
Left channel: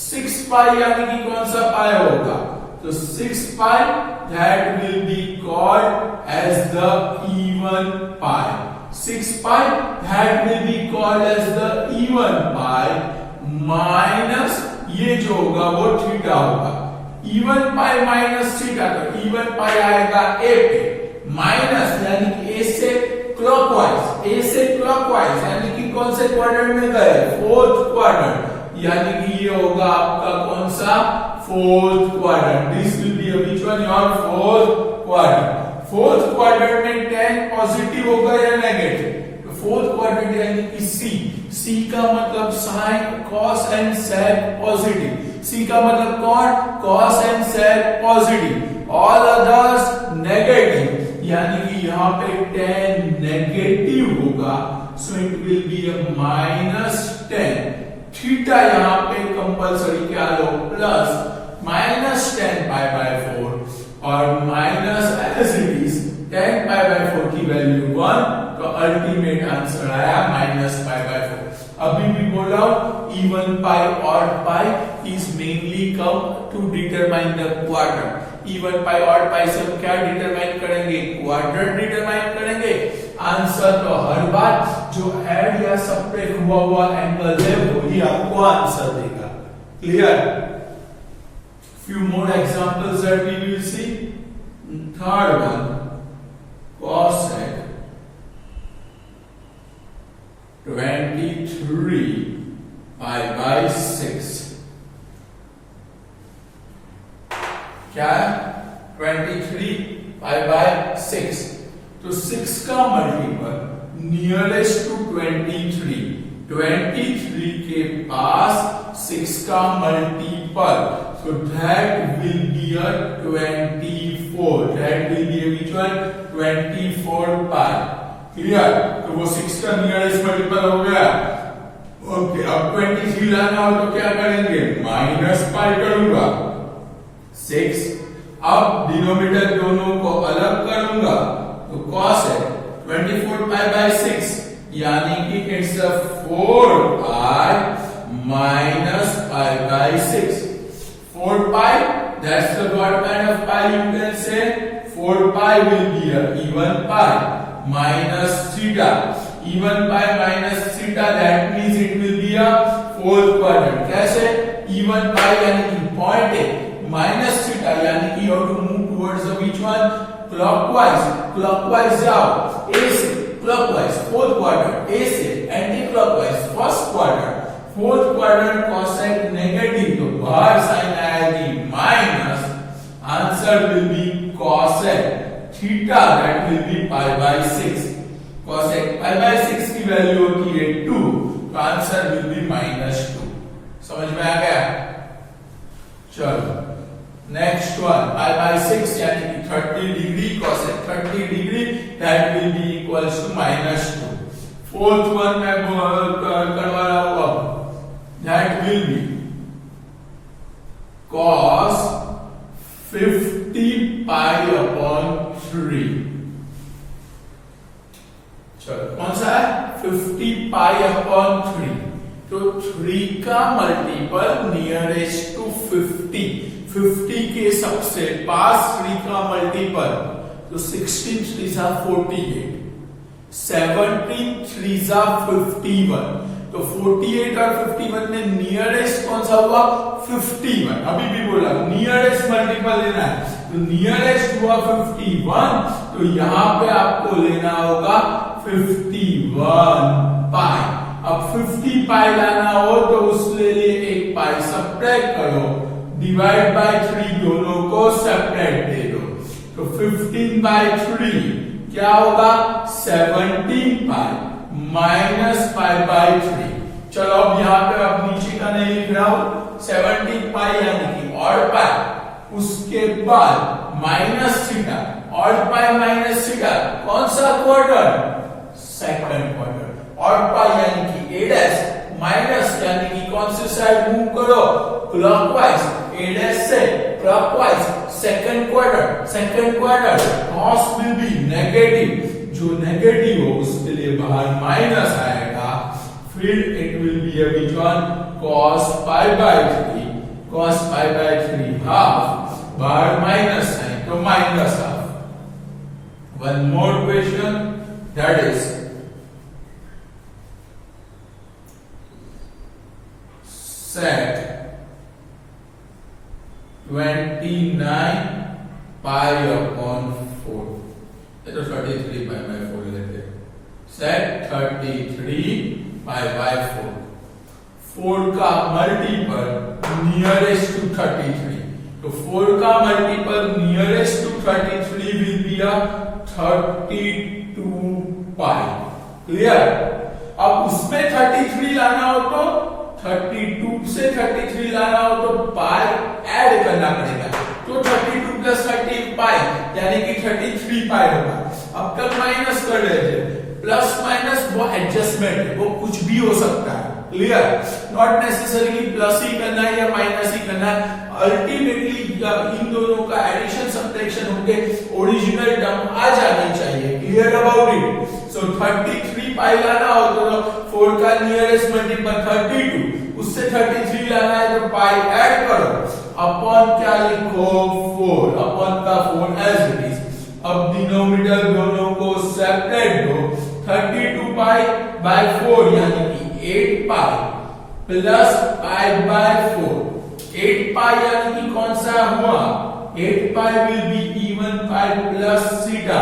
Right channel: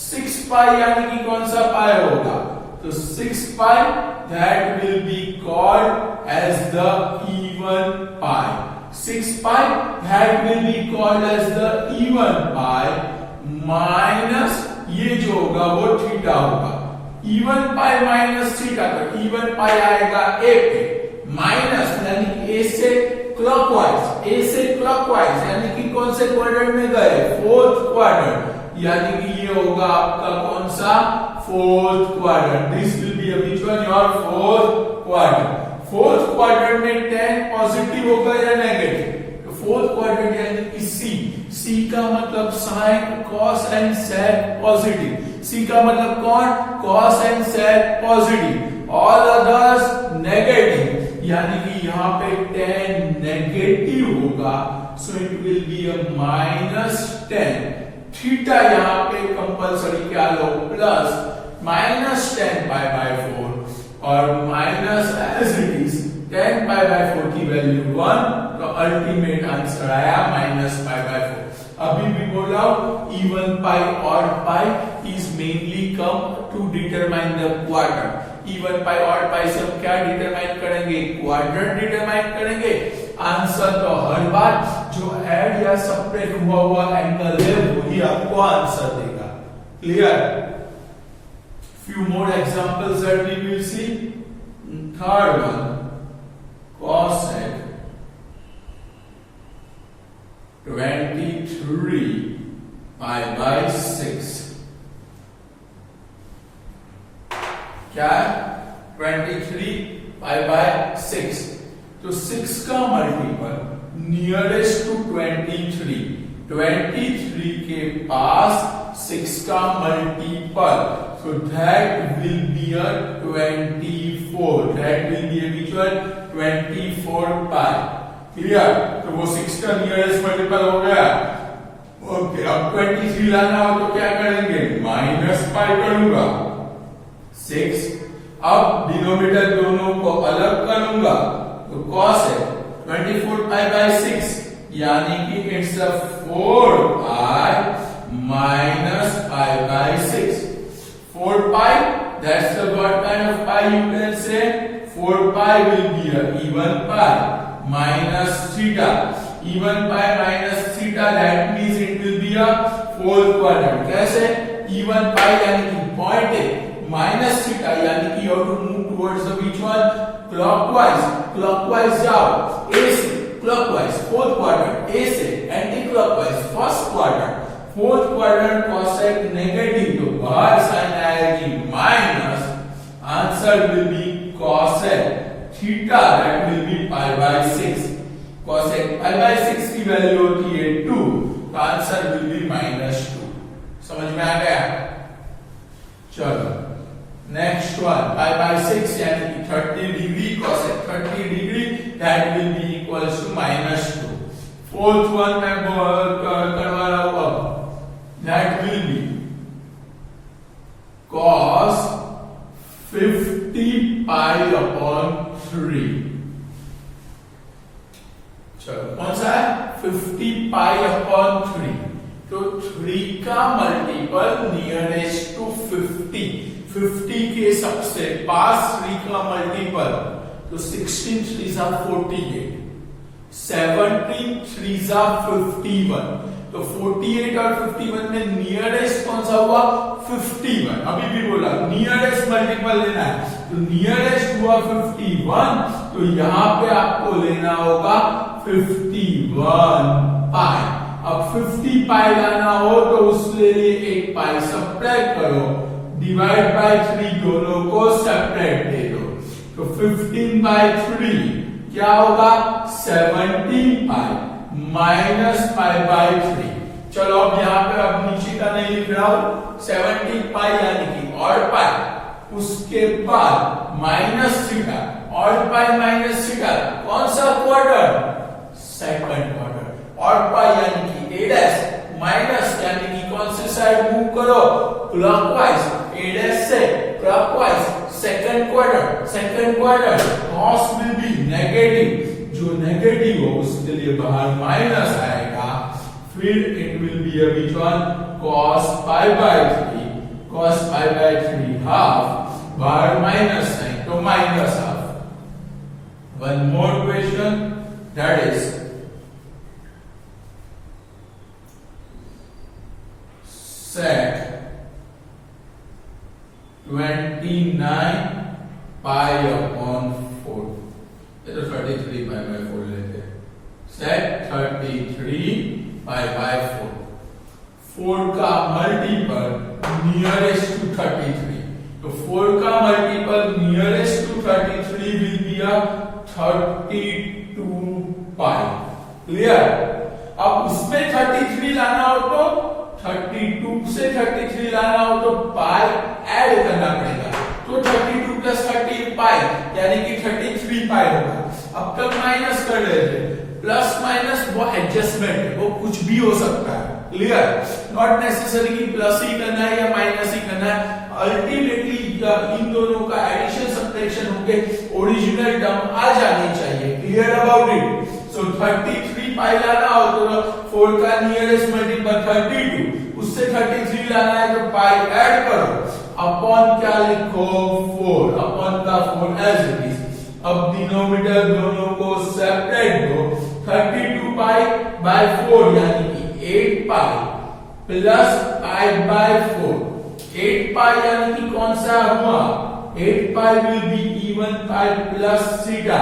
6 पाई यानी कि कौन सा पाई होगा? तो 6 pi that will be called as the even pi. 6 pi that will be called as the even pi minus ये जो होगा वो थीटा होगा। इवन पाई माइनस थीटा, तो इवन पाई आएगा ए पे, माइनस यानी ए से क्लॉकवाइज यानी कि कौन से क्वाड्रेंट में गए? 4th क्वाड्रेंट, यानी कि ये होगा आपका कौन सा? 4th quadrant. This will B which one? Your 4th quadrant. 4th quadrant में 10 पॉजिटिव होगा या नेगेटिव? तो 4th क्वाड्रेंट यानी कि सी का मतलब sine cos and sec positive. C का मतलब कौन? Cos and sec positive, all others negative, यानी कि यहाँ पे 10 नेगेटिव होगा, so it will be a -10। Theta यहाँ पे कंपल्सरी क्या लो? प्लस -10 पाई बाय 4 और minus as it is 10 pi by 4 की वैल्यू 1, तो अल्टीमेट आंसर आया -पाई बाय 4। अभी भी बोल रहा हूं even pi odd pi is mainly come to determine the quadrant. Even pi odd pi से हम क्या डिटरमाइन करेंगे? क्वाड्रेंट डिटरमाइन करेंगे। आंसर तो हर बार जो ऐड या सबट्रैक्ट हुआ एंगल है वही आपको आंसर देगा। Clear? few more examples that we will see. Third one, cosec 23 pi by 6। क्या है? 23 pi by 6। तो 6 का मल्टीपल नियरेस्ट टू 23 के पास 6 का multiple, so that will be a 24, that will be a which one? 24 pi। Clear? तो वो 6 का nearest multiple हो गया। ओके, अब 23 लाना हो तो क्या करेंगे? -पाई करूंगा 6। अब डिनोमिनेटर दोनों को अलग करूंगा, तो cos है 24 पाई बाय 6, यानी कि it's a 4 pi minus pi by 6। 4 pi, that's the what kind of pi you can say? 4 pi will be a even pi minus theta. Even pi minus theta, that means it will be a 4th quadrant. कैसे? Even pi यानी कि point है, minus theta यानी कि you have to move towards the which one? Clockwise जाओ, A से clockwise 4th quadrant, A से anti-clockwise 1st quadrant। 4th quadrant cosec negative, तो बाहर साइन आएगी minus, answer will B cosec theta, that will B pi by 6। cosec pi by 6 की value होती है 2, तो आंसर विल बी -2। समझ में आ गया? चलो नेक्स्ट वन पाई बाय 6 यानी कि 30 degree cosec 30 degree that will be equals to -2. Fourth one मैं करवा रहा हूं अब that will be cos 50 pi upon 3. चलो कौन सा है 50 पाई अपॉन 3. तो 3 का मल्टीपल नियरेस्ट टू 50 के सबसे पास 3 का मल्टीपल तो 16 3 48 17 3 51. तो 48 और 51 में नियरेस्ट कौन सा हुआ 51. अभी भी बोला नियरेस्ट मल्टीपल लेना है तो नियरेस्ट हुआ 51. तो यहां पे आपको लेना होगा 51 पाई. अब 50 पाई लाना हो तो उसके लिए एक पाई सब्ट्रैक्ट करो डिवाइड बाय 3 दोनों को सेपरेट दे दो. तो 15 बाय 3 क्या होगा 17 पाई माइनस पाई बाय 3. चलो अब यहाँ पे अब नीचे का नहीं लिख रहा हूं 17 पाई यानी कि ऑड पाई उसके बाद minus theta odd pi minus theta कौन सा quarter second quarter. Odd pi यानी कि a डैश माइनस यानी कि कौन से साइड मूव करो क्लॉकवाइज a डैश से clockwise second quarter cos will be negative. जो नेगेटिव हो उसके लिए बाहर माइनस आएगा. फिर it will be a which one cos pi by 3 half बाहर माइनस है तो minus half. One more question that is sec 29 pi upon 4. तो 33 पाई बाय 4 लेते हैं. sec 33 pi by 4. 4 का मल्टीपल नियरेस्ट टू 33. तो 4 का multiple nearest to 33 will be a 32 pi. Clear. अब उसमें 33 लाना हो तो 32 से 33 लाना हो तो पाई ऐड करना पड़ेगा. तो 32 प्लस 30 पाई यानी कि 33 पाई होगा. अब तक माइनस कर रहे थे प्लस माइनस वो एडजस्टमेंट है वो कुछ भी हो सकता है. क्लियर. नॉट नेसेसरी कि प्लस ही करना है या माइनस ही करना है. अल्टीमेटली इन दोनों का एडिशन सब्ट्रैक्शन होके ओरिजिनल टर्म आ जानी चाहिए. Clear about it. So 33 pi लाना हो तो 4 का नियरेस्ट मल्टीपल 32 उससे 33 लाना है तो पाई ऐड करो अपॉन क्या लिखो 4 अपॉन का 4 एज इट इज. अब डिनोमिनेटर दोनों को सेपरेट दो. 32 पाई बाय 4 यानी कि 8 पाई प्लस पाई बाय 4. 8 पाई यानी कि कौन सा हुआ 8 pi will be even pi plus theta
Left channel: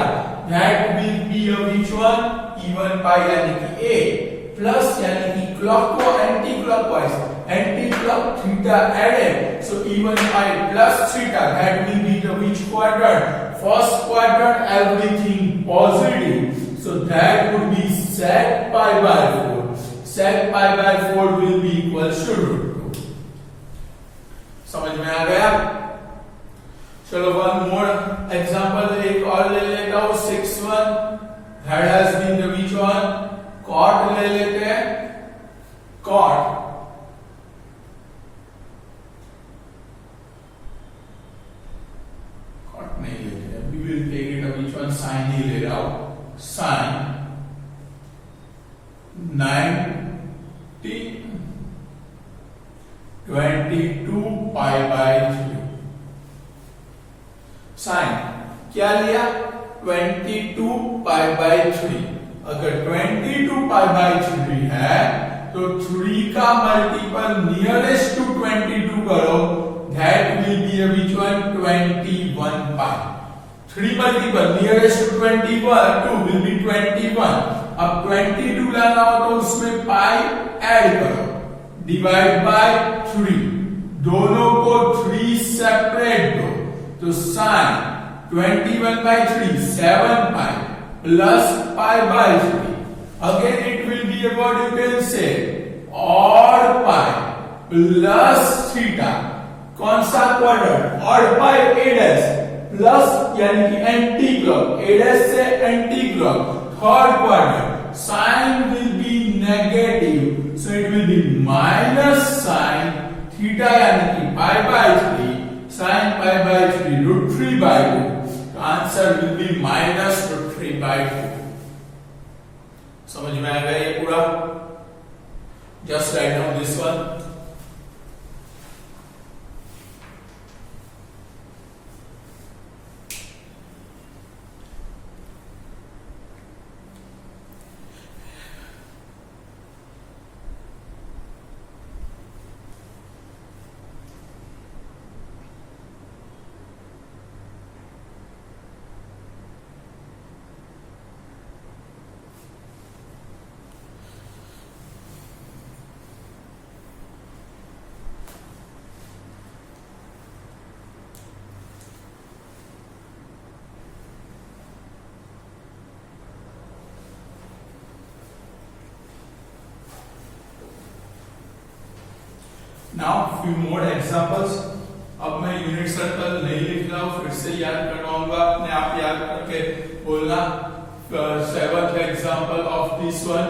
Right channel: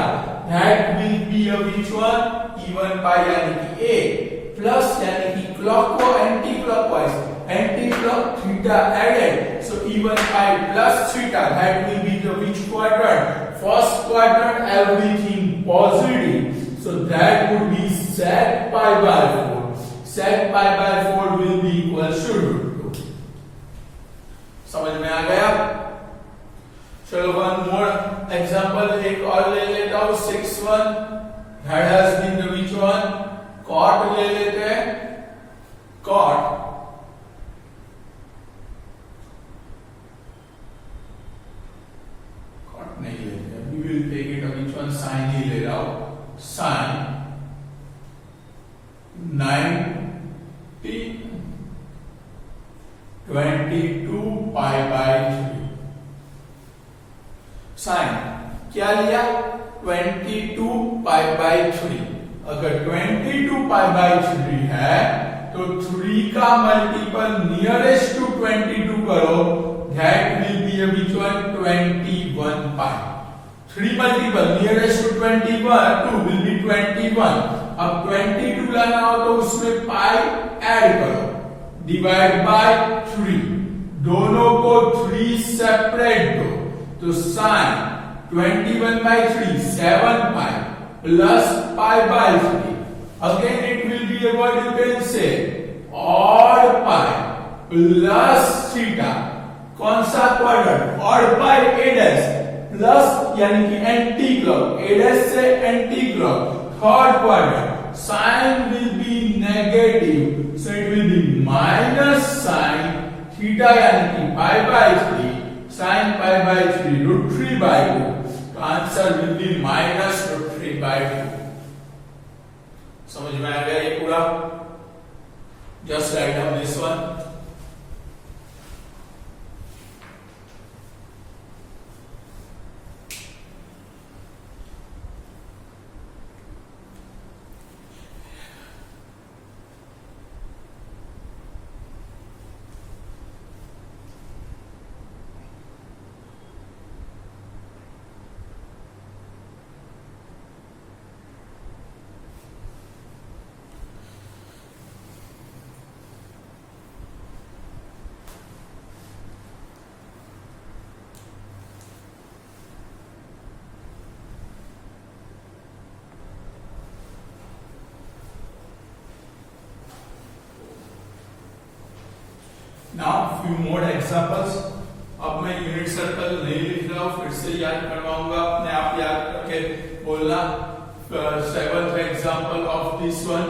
that will be a which one even pi यानी कि a प्लस यानी कि क्लॉक को anti clockwise anti clock theta added. So even pi plus theta that will be the which quadrant first quadrant everything positive. So that would be sec pi by 4. sec pi by 4 will be equal to √2. समझ में आ गया. चलो one more example एक और ले लेता हूं 6-1 that has been the which one cot ले लेते हैं. cot नहीं लेते हैं. we will take it which one sin ही ले रहा हूं. sin 22 pi by 3. sin क्या लिया 22 पाई बाय 3. अगर 22 पाई बाय 3 है तो 3 का मल्टीपल नियरेस्ट टू 22 करो that will be a which one 21 pi. 3 multiple nearest to 21 2 will be 21. अब 22 लाना हो तो उसमें पाई ऐड करो डिवाइड बाय 3. दोनों को 3 सेपरेट दो तो sin 21 by 3 7 pi plus pi by 3. Again it will be a what you can say odd pi plus theta कौन सा quadrant, odd by A dash plus यानी कि एंटी क्लॉक, ए डैश से anti clock, third quadrant, sine will be negative, so it will be minus sine theta यानी कि pi by 3, sine pi by 3 root 3 by 2, तो answer will be minus root 3 by 2। समझ में आ गया ये पूरा? Just write down this one. Now few more examples. अब मैं यूनिट सर्कल नहीं लिख रहा हूं, फिर से याद करवाऊंगा, अपने आप याद करके बोलना। Seventh example of this one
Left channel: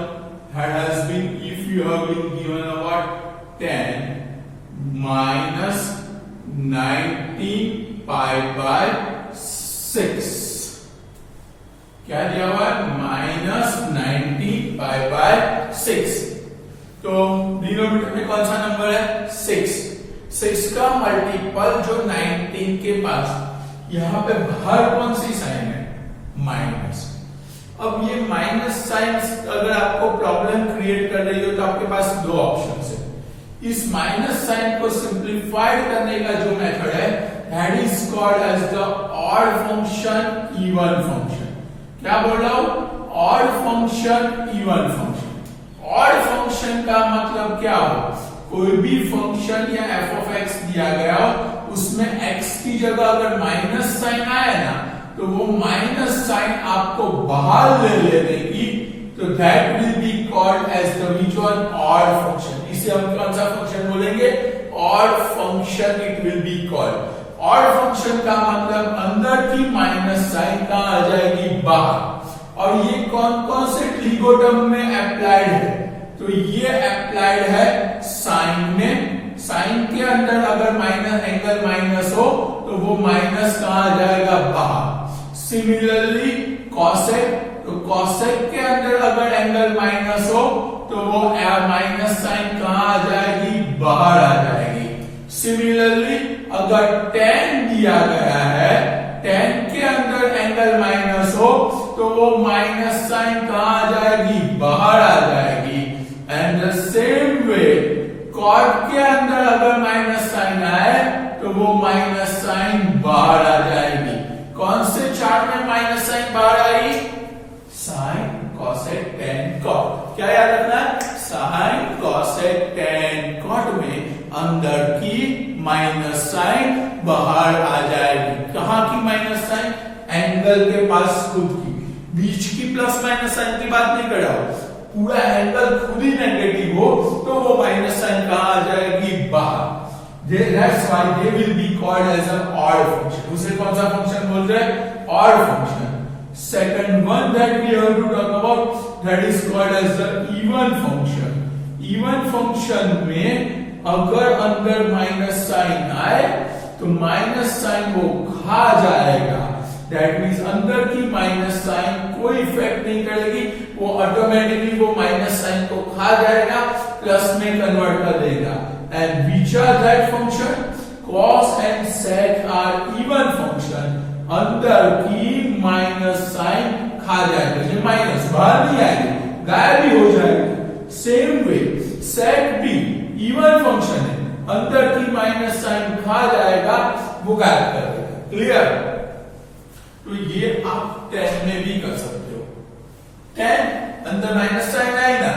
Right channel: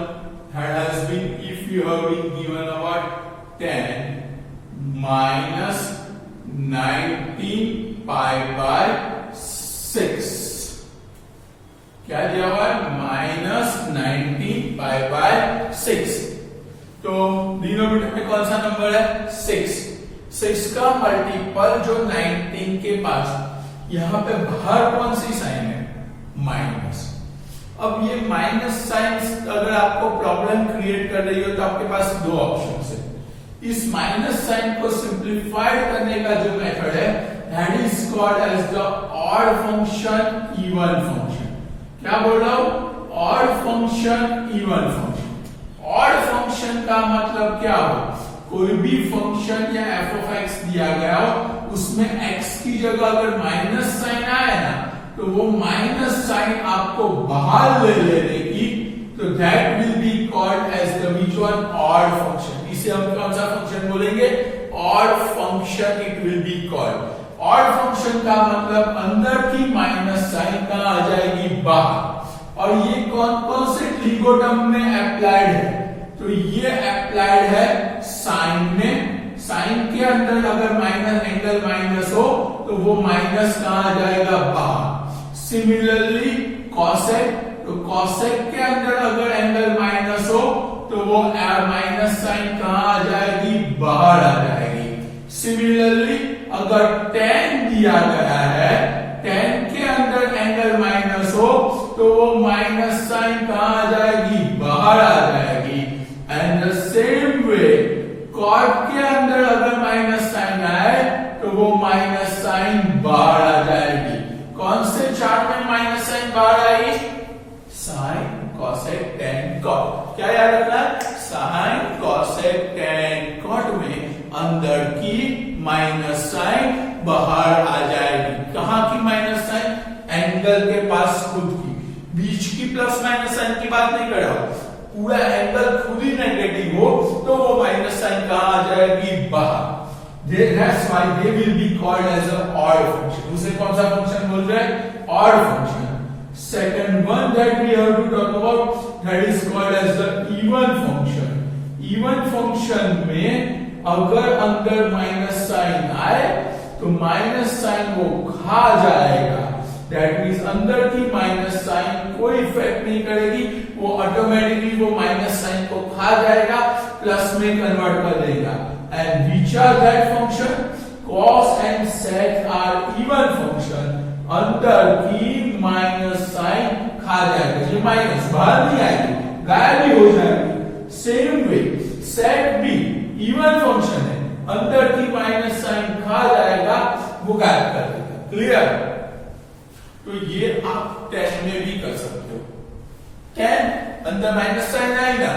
has been, if you have been given about 10 minus 19 pi by 6, क्या दिया हुआ है? Minus 19 pi by 6। तो डिनोमिनेटर में कौन सा नंबर है? 6। 6 का मल्टीपल जो 19 के पास, यहां पे बाहर कौन सी साइन है? माइनस। अब ये माइनस साइन अगर आपको प्रॉब्लम क्रिएट कर रही हो तो आपके पास दो ऑप्शंस है। इस माइनस साइन को सिंप्लीफाइड करने का जो मेथड है, that is called as the odd function even function. क्या बोल रहा हूं? Odd function even function. Odd function का मतलब क्या हो? कोई भी फंक्शन या एफ ऑफ एक्स दिया गया हो, उसमें एक्स की जगह अगर माइनस साइन आए ना, तो वो माइनस साइन आपको बाहर ले लेने की, तो that will be called as the which one? Odd function. इसे हम कौन सा फंक्शन बोलेंगे? Odd function it will be called. Odd function का मतलब अंदर की माइनस साइन कहां आ जाएगी? बाहर। और ये कौन कौन से ट्रिगोनोमेट्री में अप्लाइड है? तो ये अप्लाइड है साइन में। साइन के अंदर अगर माइनस एंगल माइनस हो तो वो माइनस कहां आ जाएगा? बाहर। सिमिलरली कॉसेक, तो कॉसेक के अंदर अगर एंगल माइनस हो तो वो माइनस साइन कहां आ जाएगी? बाहर आ जाएगी। सिमिलरली अगर tan दिया गया है, tan के अंदर एंगल माइनस हो तो वो माइनस साइन कहां आ जाएगी? बाहर आ जाएगी। And the same way cot के अंदर अगर माइनस साइन आए तो वो माइनस साइन बाहर आ जाएगी। कौन से चार्ट में माइनस साइन बाहर आएगी? Sine, cosec, tan, cot. क्या याद रखना है? साइन, कॉसेक, टैन, कॉट में अंदर की माइनस साइन बाहर आ जाएगी। कहां की माइनस साइन? एंगल के पास खुद की। बीच की प्लस माइनस साइन की बात नहीं कर रहा हूं, पूरा एंगल खुद ही नेगेटिव हो तो वो माइनस साइन कहां आ जाएगी? बाहर। That's why they will be called as an odd function. उसे कौन सा फंक्शन बोल रहे हैं? odd function. Second one that we have to talk about, that is called as the even function. Even function में अगर अंदर माइनस साइन आए तो माइनस साइन वो खा जाएगा। That means अंदर की माइनस साइन कोई इफेक्ट नहीं करेगी, वो ऑटोमेटिकली वो माइनस साइन को खा जाएगा, प्लस में कन्वर्ट कर देगा। And which are that function? Cos and sec are even function. अंदर की माइनस साइन खा जाएगा, ये माइनस बाहर नहीं आएगी, गायब भी हो जाएगी। सेम वे sec भी इवन फंक्शन है, अंदर की माइनस साइन खा जाएगा, वो गायब कर देगा। क्लियर? तो ये आप tan में भी कर सकते हो। tan अंदर माइनस साइन आएगा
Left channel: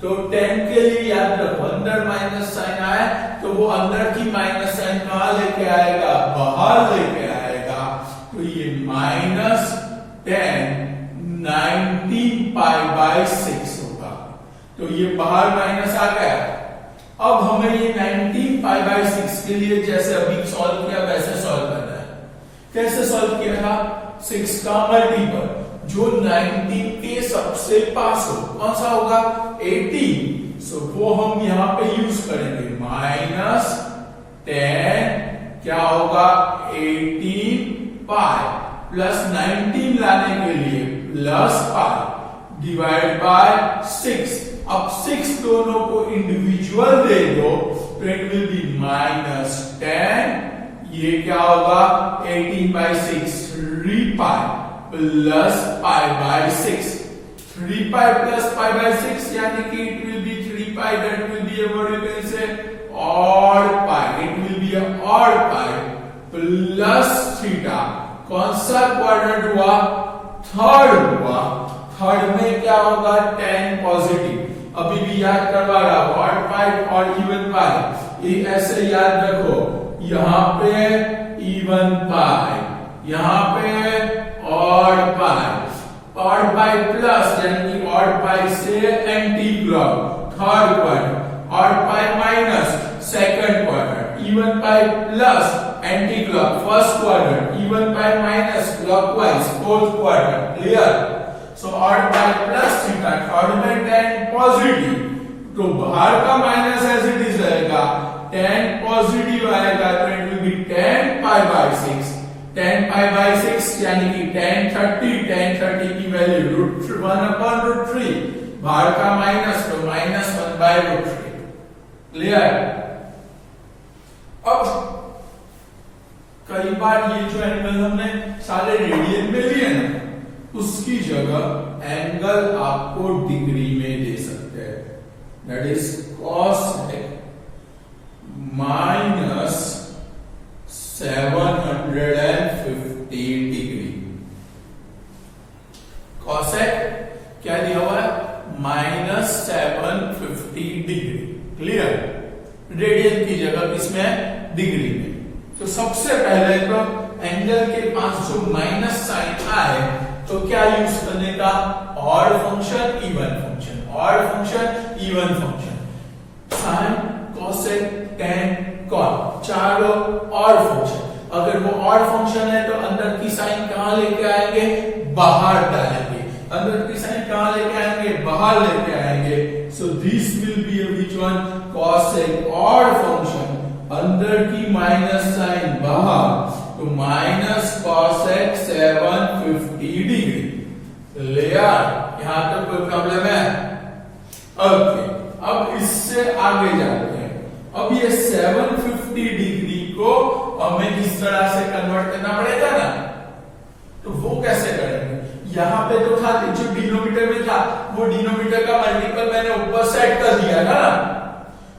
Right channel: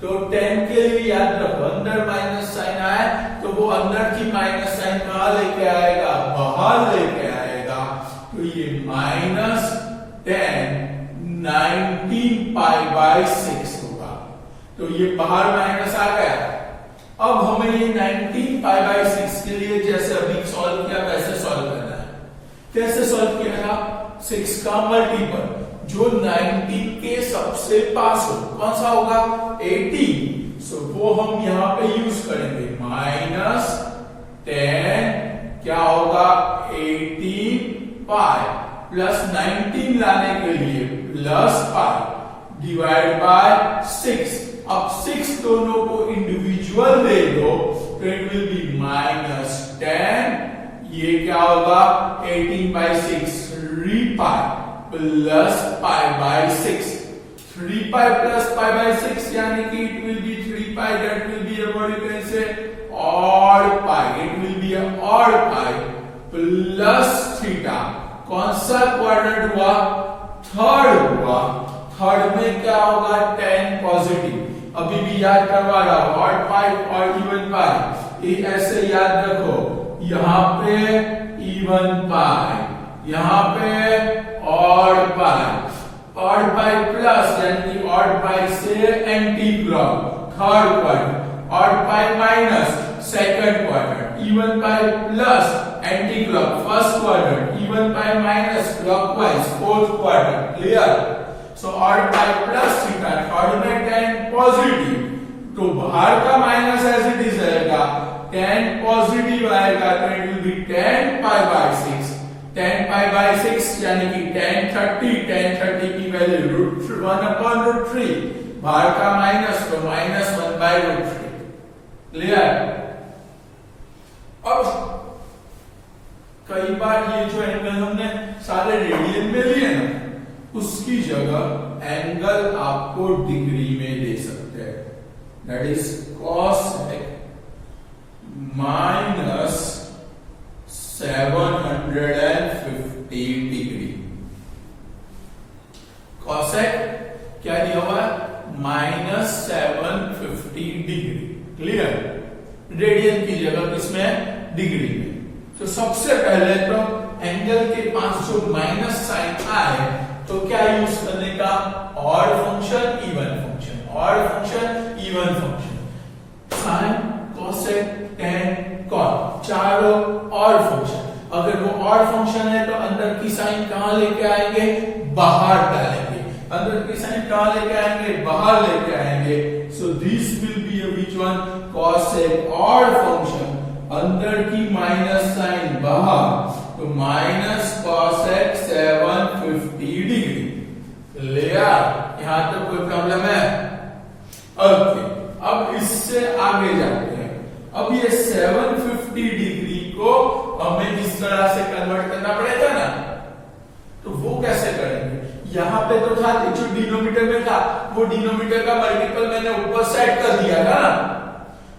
तो tan के लिए याद रखो, अंदर माइनस साइन आए तो वो अंदर की माइनस साइन कहां लेके आएगा? बाहर लेके आएगा। तो ये माइनस tan 19 पाई बाय 6 होगा। तो ये बाहर माइनस आ गया। अब हमें ये 19 18π/6 के लिए जैसे अभी सॉल्व किया वैसे सॉल्व करना है। कैसे सॉल्व किया था? 6 का मल्टीपल जो 19 के सबसे पास हो, कौन सा होगा? 18। सो वो हम यहां पे यूज करेंगे, -10 क्या होगा? 18π प्लस 19 लाने के लिए प्लस पाई डिवाइड बाय 6। अब 6 दोनों को इंडिविजुअल दे दो तो इट विल बी -10, ये क्या होगा? 18/6 3π प्लस π/6, 3π प्लस π/6 यानी कि it will be 3π, that will be what you can say odd pi, it will be odd pi plus theta. कौन सा क्वाड्रेंट हुआ? थर्ड हुआ। थर्ड में क्या होगा? 10 पॉजिटिव। अभी भी याद करवा रहा हूं, ऑड पाई और इवन पाई, ये ऐसे याद रखो। यहां पे इवन पाई, यहां पे odd pi, odd pi plus यानी कि ऑड पाई से anti clock third quadrant, odd pi minus second quadrant, even pi plus anti clock first quadrant, even pi minus clockwise fourth quadrant. Clear? सो odd pi plus theta, third में 10 positive, तो बाहर का minus as it is रहेगा, 10 positive आएगा तो it will B 10π/6, 10π/6 यानी कि 1030 की वैल्यू √1/√3, बाहर का माइनस तो -1/√3। क्लियर? अब कई बार ये जो एंगल हमने सारे रेडियन में लिए ना, उसकी जगह एंगल आपको डिग्री में दे सकते हैं, that is cosec -750 degree. cosec क्या दिया हुआ है? -750 डिग्री। क्लियर? रेडियन की जगह किसमें? डिग्री में। तो सबसे पहले तो एंगल के पास जो माइनस साइन आए तो क्या यूज करने का? Odd function, even function, odd function, even function, sine, cosec, tan, cot, चारों ऑड फंक्शन। अगर वो ऑड फंक्शन है तो अंदर की साइन कहां लेके आएंगे? बाहर डालेंगे। अंदर की साइन कहां लेके आएंगे? बाहर लेके आएंगे। सो this will B which one? Cosec odd function, अंदर की माइनस साइन बाहर, तो माइनस कोसेक 750 डिग्री। क्लियर? यहां तक कोई प्रॉब्लम है? ओके, अब इससे आगे जाते हैं। अब ये 750 डिग्री को हमें इस तरह से कन्वर्ट करना पड़ेगा ना, तो वो कैसे करेंगे? यहां पे तो था जो डिनोमिनेटर में था, वो डिनोमिनेटर का मल्टीपल मैंने ऊपर सेट कर दिया ना,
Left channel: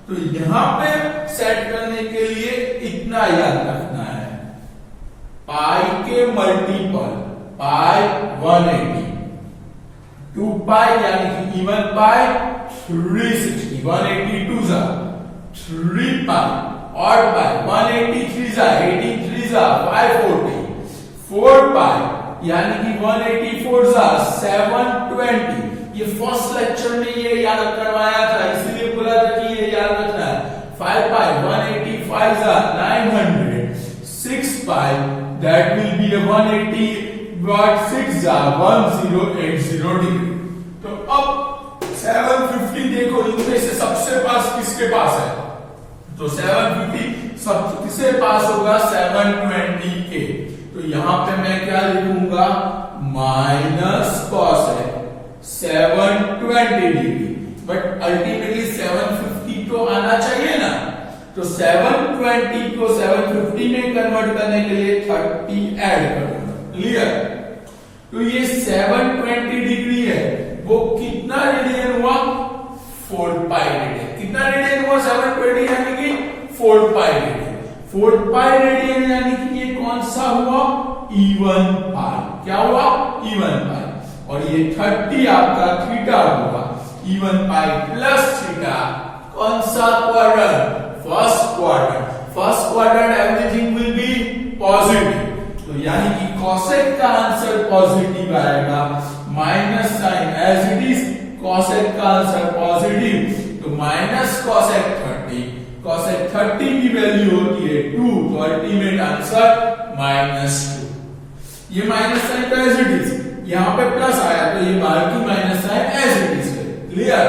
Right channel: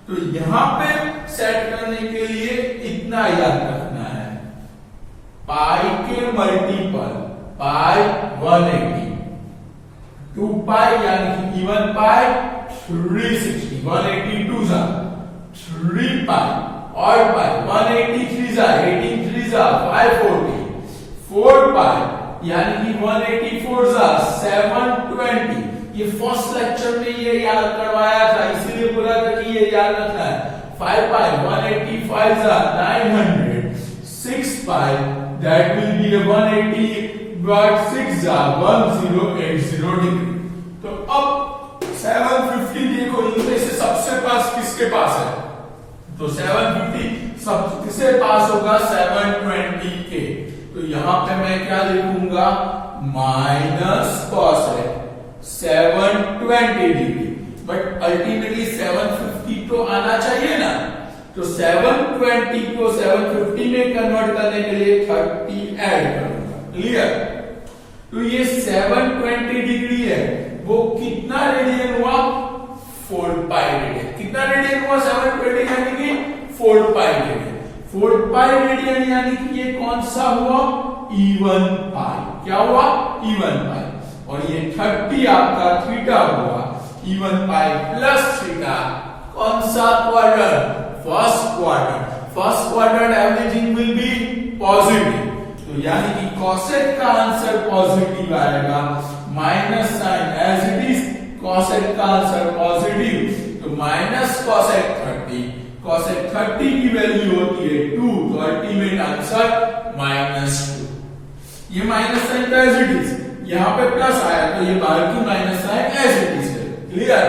तो यहां पे सेट करने के लिए इतना याद रखना है, पाई के मल्टीपल, पाई 180, 2 पाई यानी कि इवन पाई 360, 182 जा 3 पाई, ऑड पाई 183 जा 83 जा 540, 4 पाई यानी कि 184 जा 720। ये फर्स्ट लेक्चर में ये याद करवाया था, इसलिए बोला था कि ये याद रखना है। 5 पाई 185 जा 900, 6 पाई दैट विल बी 180/6 जा 1080 डिग्री। तो अब 750 देखो, इनमें से सबसे पास किसके पास है? तो 750 सबसे पास होगा 720 के। तो यहां पे मैं क्या लिखूंगा? Minus cosec 720 degree, but ultimately 750 तो आना चाहिए ना, तो 720 को 750 में कन्वर्ट करने के लिए 30 ऐड करूंगा। क्लियर? तो ये 720 डिग्री है, वो कितना रेडियन हुआ? 4 पाई रेडियन। कितना रेडियन हुआ? 720 यानी कि 4 पाई रेडियन। 4 पाई रेडियन यानी कि ये कौन सा हुआ? इवन पाई। क्या हुआ? Even pi. और ये 30 आपका थीटा हुआ, इवन पाई प्लस थीटा। कौन सा quadrant? First quadrant. First quadrant everything will be positive, तो यानी कि कोसेक का आंसर पॉजिटिव आएगा। Minus sine as it is, cosec का आंसर पॉजिटिव, तो माइनस कोसेक 30, cosec 30 की वैल्यू होती है 2, तो अल्टीमेट आंसर -2। ये माइनस साइन तो एज इट इज, यहां पे प्लस आया तो ये बाहर की minus sine as it is है। क्लियर?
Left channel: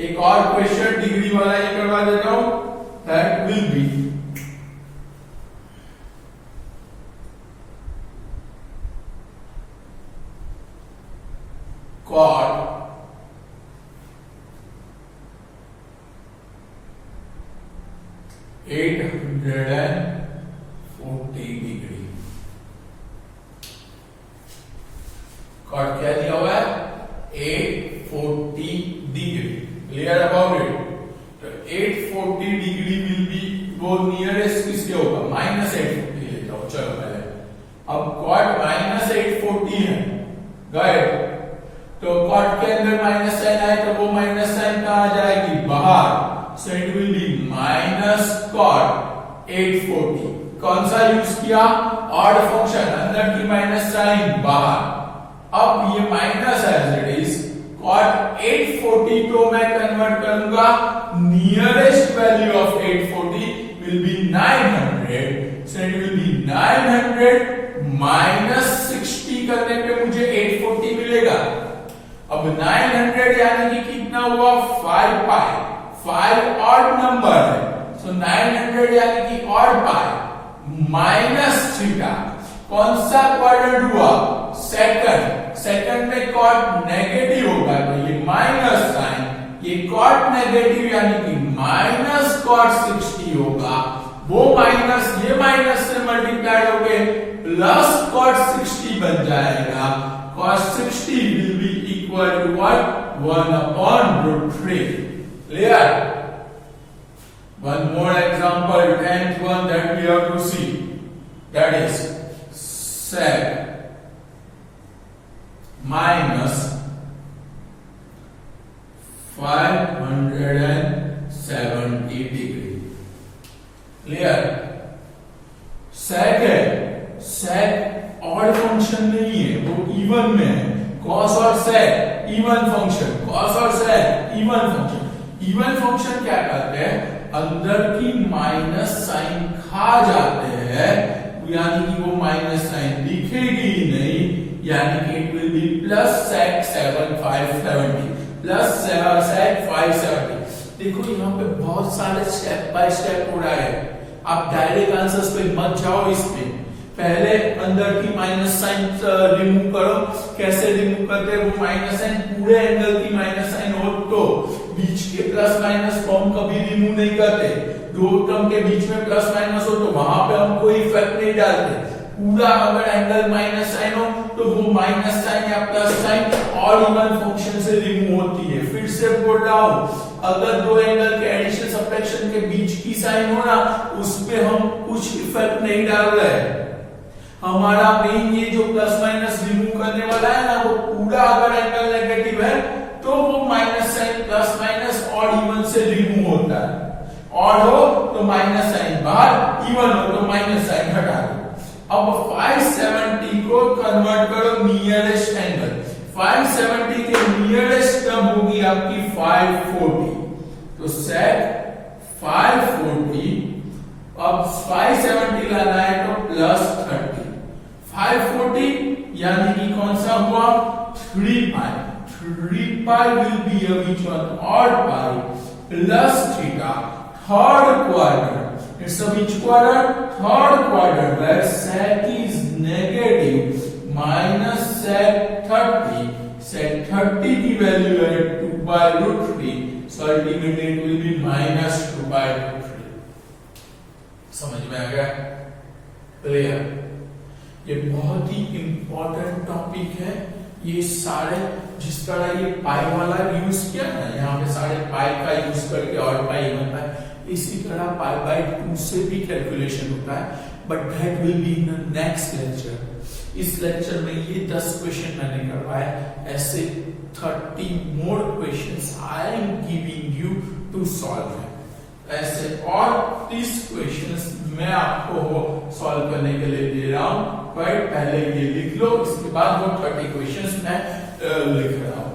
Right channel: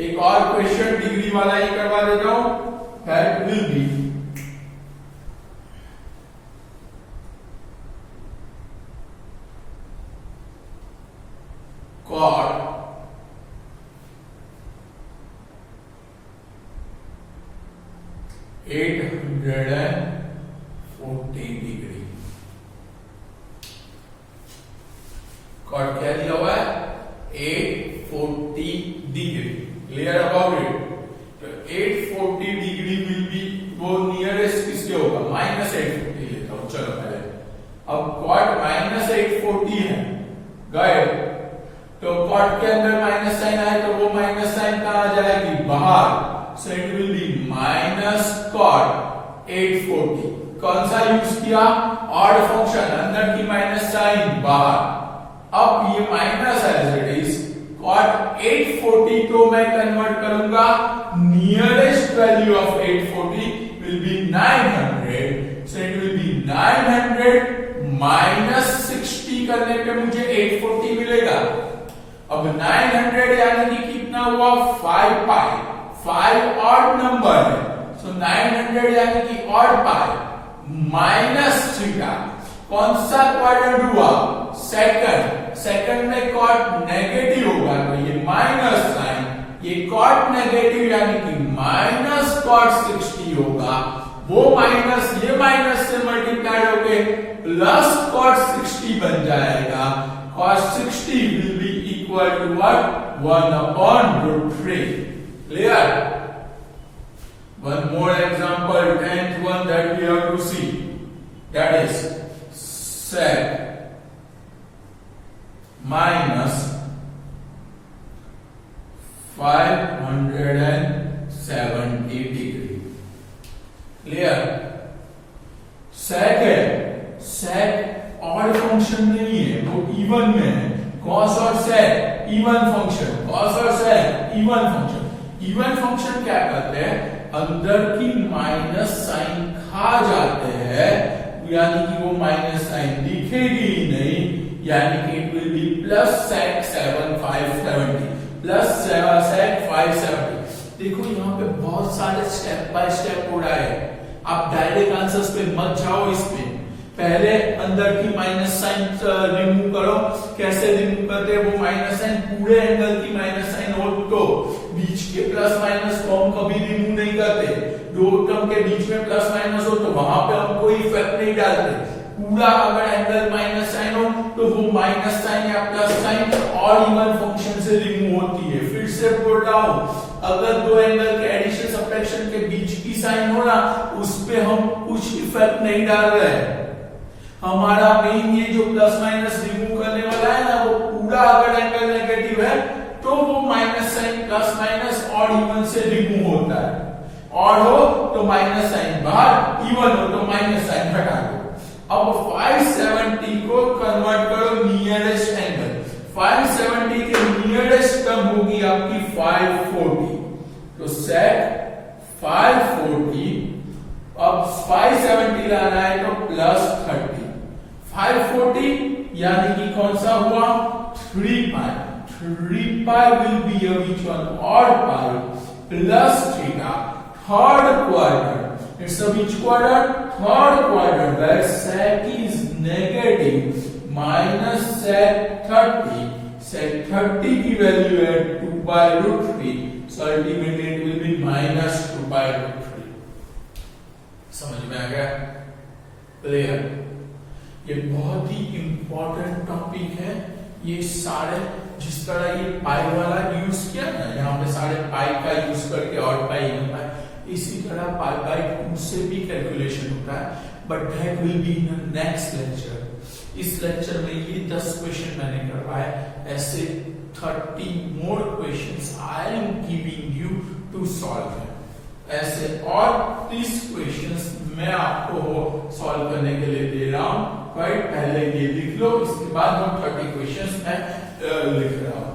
एक और क्वेश्चन डिग्री वाला ही करवा देता हूं, that will be cot 840 degree. Cot क्या दिया हुआ है? 840 डिग्री। Clear about it? तो 840 डिग्री विल बी, वो नियरेस्ट किसके होगा? -840 लेता हूं। चलो पहले अब कॉट -840 है, गए तो कॉट के अंदर माइनस साइन आए तो वो माइनस साइन कहां आ जाएगी? बाहर। So it will be minus cot 840। कौन सा यूज किया? ऑड फंक्शन, अंदर की माइनस साइन बाहर। अब ये minus as it is cot 840 को मैं कन्वर्ट करूंगा, nearest value of 840 will be 900। So it will be 900 minus 60 करने पे मुझे 840 मिलेगा। अब 900 यानी कि कितना हुआ? 5 पाई। 5 ऑड नंबर है, सो 900 यानी कि ऑड पाई माइनस थीटा। कौन सा क्वाड्रेंट हुआ? सेकंड। सेकंड में कॉट नेगेटिव होगा तो ये माइनस साइन, ये कॉट नेगेटिव यानी कि माइनस कॉट 60 होगा। वो माइनस ये माइनस से मल्टीप्लाइड होके प्लस कॉट 60 बन जाएगा। cos 60 will be equal to what? 1/√3. Clear? One more example, 10th one that we have to see. That is sec minus 570 degree. Clear? sec है, sec odd function नहीं है, वो even में है। cos और sec even function, cos और sec even function. Even function क्या करते हैं? अंदर की माइनस साइन खा जाते हैं, यानी कि वो माइनस साइन दिखेगी ही नहीं, यानी कि it will B plus sec 570 plus sec 570। देखो यहाँ पे बहुत सारे स्टेप बाय स्टेप हो रहा है, आप डायरेक्ट आंसर्स पे मत जाओ। इसमें पहले अंदर की माइनस साइन रिमूव करो। कैसे रिमूव करते हैं? वो माइनस साइन पूरे एंगल की माइनस साइन हो तो बीच के प्लस माइनस को हम कभी रिमूव नहीं करते। दो टर्म के बीच में प्लस माइनस हो तो वहां पे हम कोई इफेक्ट नहीं डालते। पूरा अगर एंगल माइनस साइन हो तो वो माइनस साइन या प्लस साइन और इवन फंक्शन से रिमूव होती है। फिर से बोल रहा हूं, अगर दो एंगल के एडिशन सब्ट्रैक्शन के बीच की साइन हो ना, उस पे हम कुछ इफेक्ट नहीं डाल रहे हैं। हमारा मेन ये जो प्लस माइनस रिमूव करने वाला है ना, वो पूरा अगर एंगल नेगेटिव है तो वो माइनस साइन प्लस माइनस और इवन से रिमूव होता है। और हो तो माइनस साइन बाहर, इवन हो तो माइनस साइन हटा दो। अब 570 को कन्वर्ट करो नियरेस्ट एंगल। 570 के नियरेस्ट टर्म होगी आपकी 540, तो सेक 540। अब 570 लाना है तो प्लस 30। 540 यानी कि कौन सा हुआ? 3 pi. 3 pi will be a which one? odd pi plus theta, third quadrant. It's a which quadrant? Third quadrant, where sec is negative minus sec 30. Sec 30 की वैल्यू है 2/√3, so ultimately it will be minus 2/√3. समझ में आ गया? Clear? ये बहुत ही important topic है। ये सारे जिस तरह ये पाई वाला यूज किया ना, यहाँ पे सारे पाई का यूज करके और पाई बनता है, इसी तरह पाई बाय 2 से भी कैलकुलेशन होता है, but that will be in next lecture. इस लेक्चर में ये 10 क्वेश्चन मैंने करवाया, ऐसे 30 more questions I am giving you to solve. ऐसे और 30 क्वेश्चंस मैं आपको सॉल्व करने के लिए दे रहा हूं, पर पहले ये लिख लो, इसके बाद वो 30 क्वेश्चंस मैं लिख रहा हूं।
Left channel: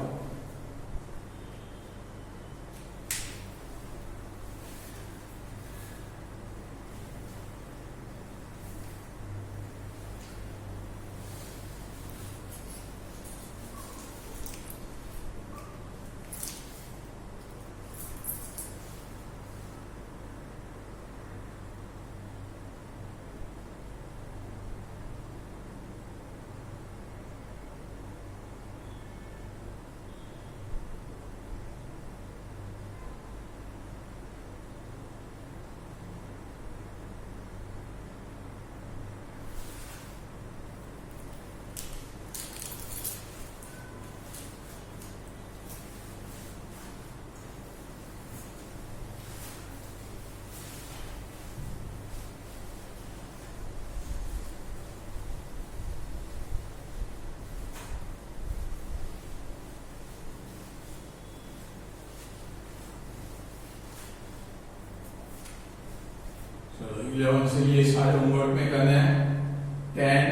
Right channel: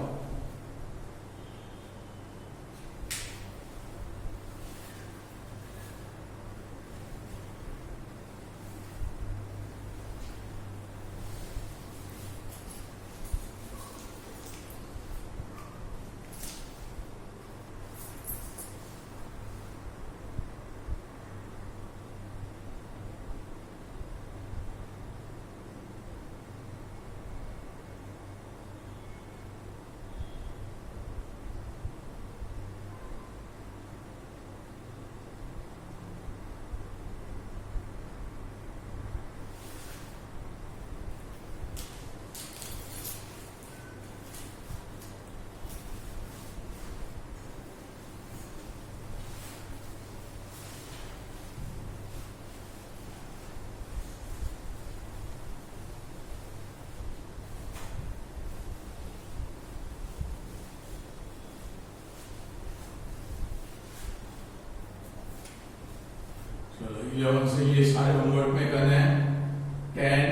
11 से ये सारे होमवर्क में करने हैं। 10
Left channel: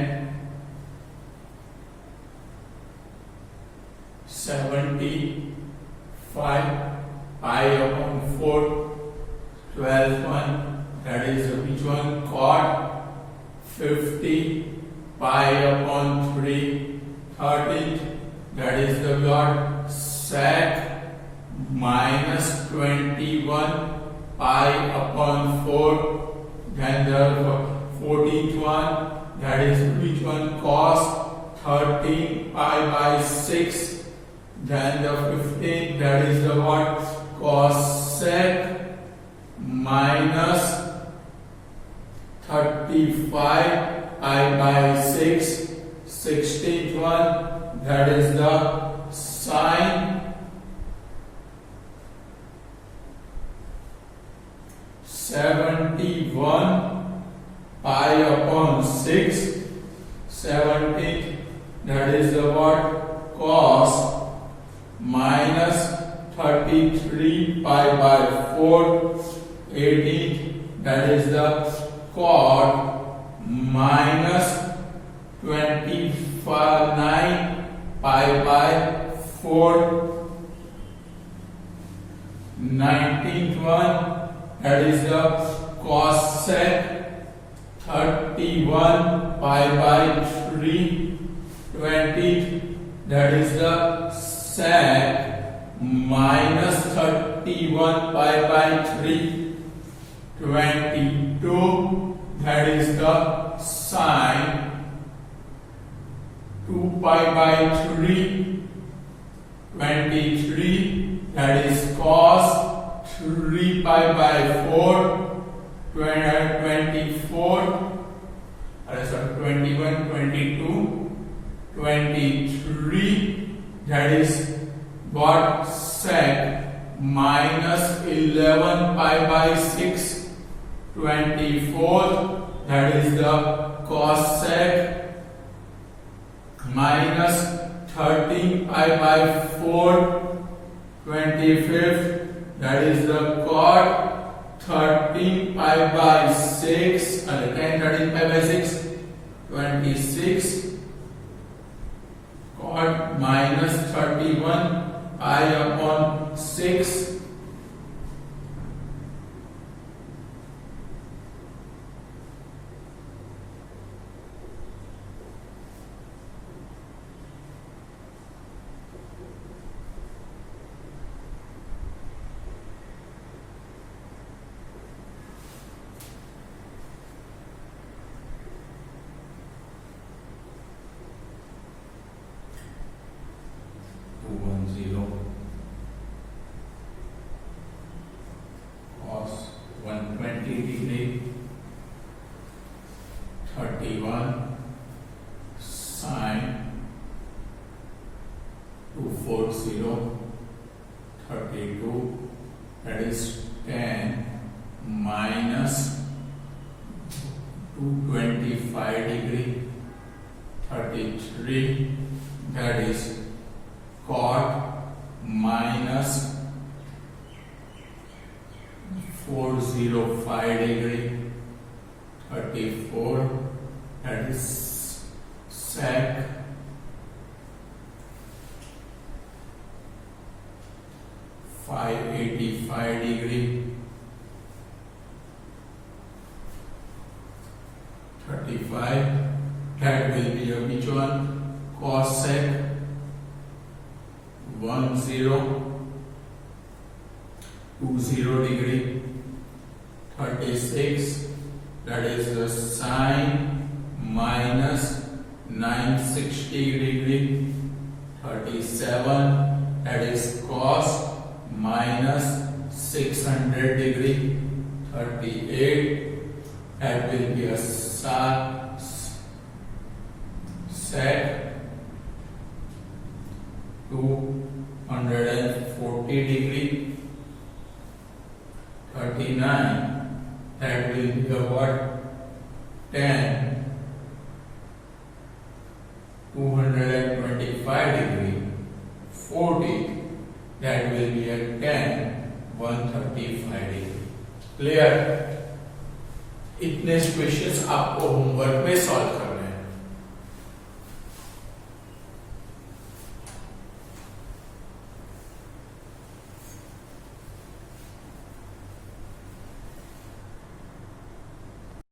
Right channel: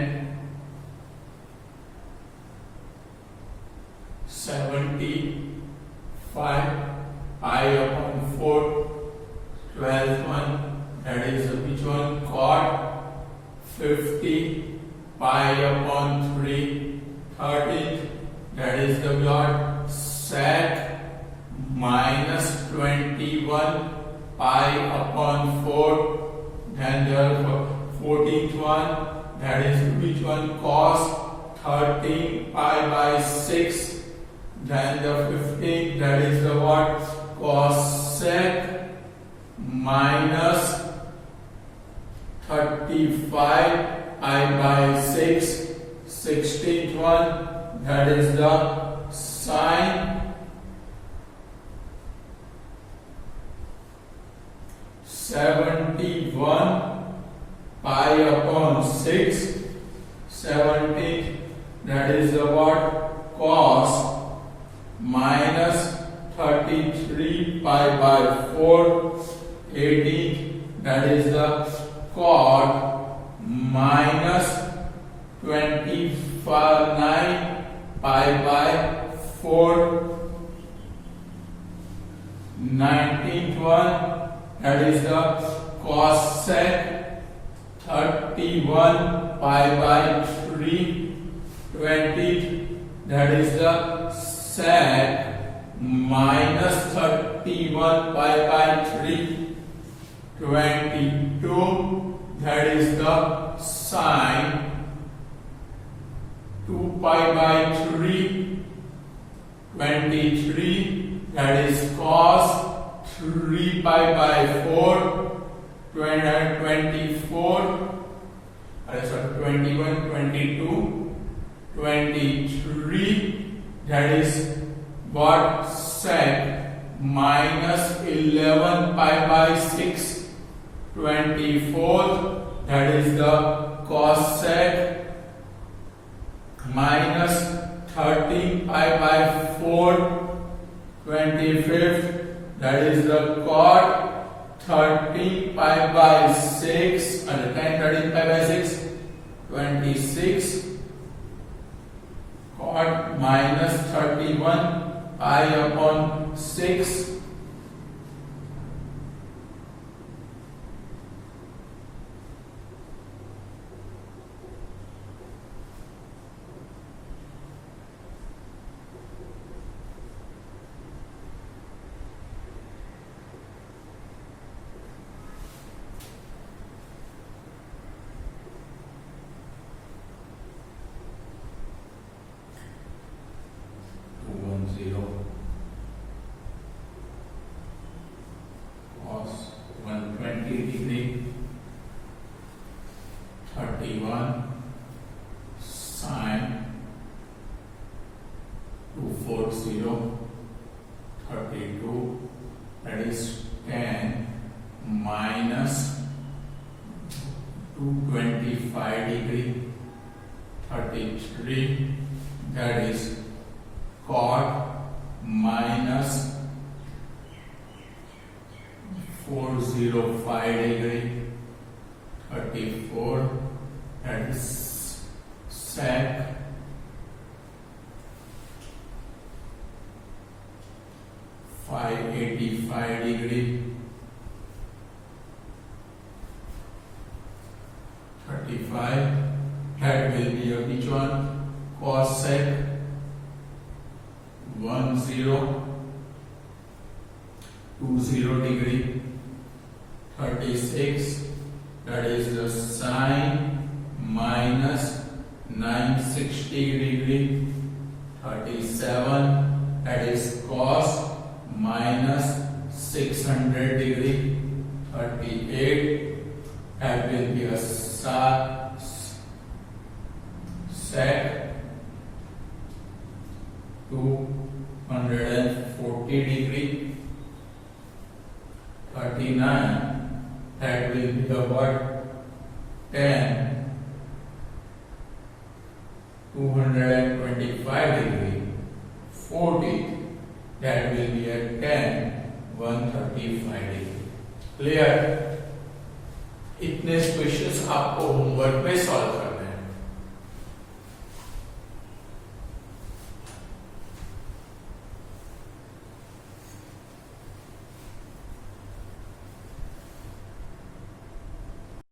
75 pi upon 4, 12 one, that is which one? Cot. 50 pi upon 3, 13, that is the what? Sec. Minus 21 pi upon 4, then the 14th one, that is which one? Cos. 13 pi by 6, then the 15th, that is the what? Cosec. Minus 35 pi by 6, 16th one, that is the sine. 71 pi upon 6, 17, that is the what? Cos. Minus 33 pi by 4, 18, that is the cot. Minus 29 pi by 4, 19th one, that is the cosec. 31 pi by 3, 20, that is the sec. Minus 31 pi by 3, 22, that is the sine. 2 pi by 3, 23, that is cos. 3 pi by 4, 24, 21, 22, 23, that is what? Sec. Minus 11 pi by 6, 24, that is the cosec. Minus 13 pi by 4, 25th, that is the cot. 13 pi by 6, and 13 pi by 6, 26, cot. Minus 31 pi upon 6, cos 120 degree, 31 sine 240, 32, that is 10 minus 225 degree, 33, that is cot. Minus 405 degree, 34, that is sec. 585 degree, 35, that will be a which one? Cosec. 20 degree, 36, that is the sine. Minus 960 degree, 37, that is cos. Minus 600 degree, 38, that will be a sec. 240 degree, 39, that will be the what? 10. 225 degree, 40, that will be a 10. 135 degree. Clear? Next questions आपको homework में solve करना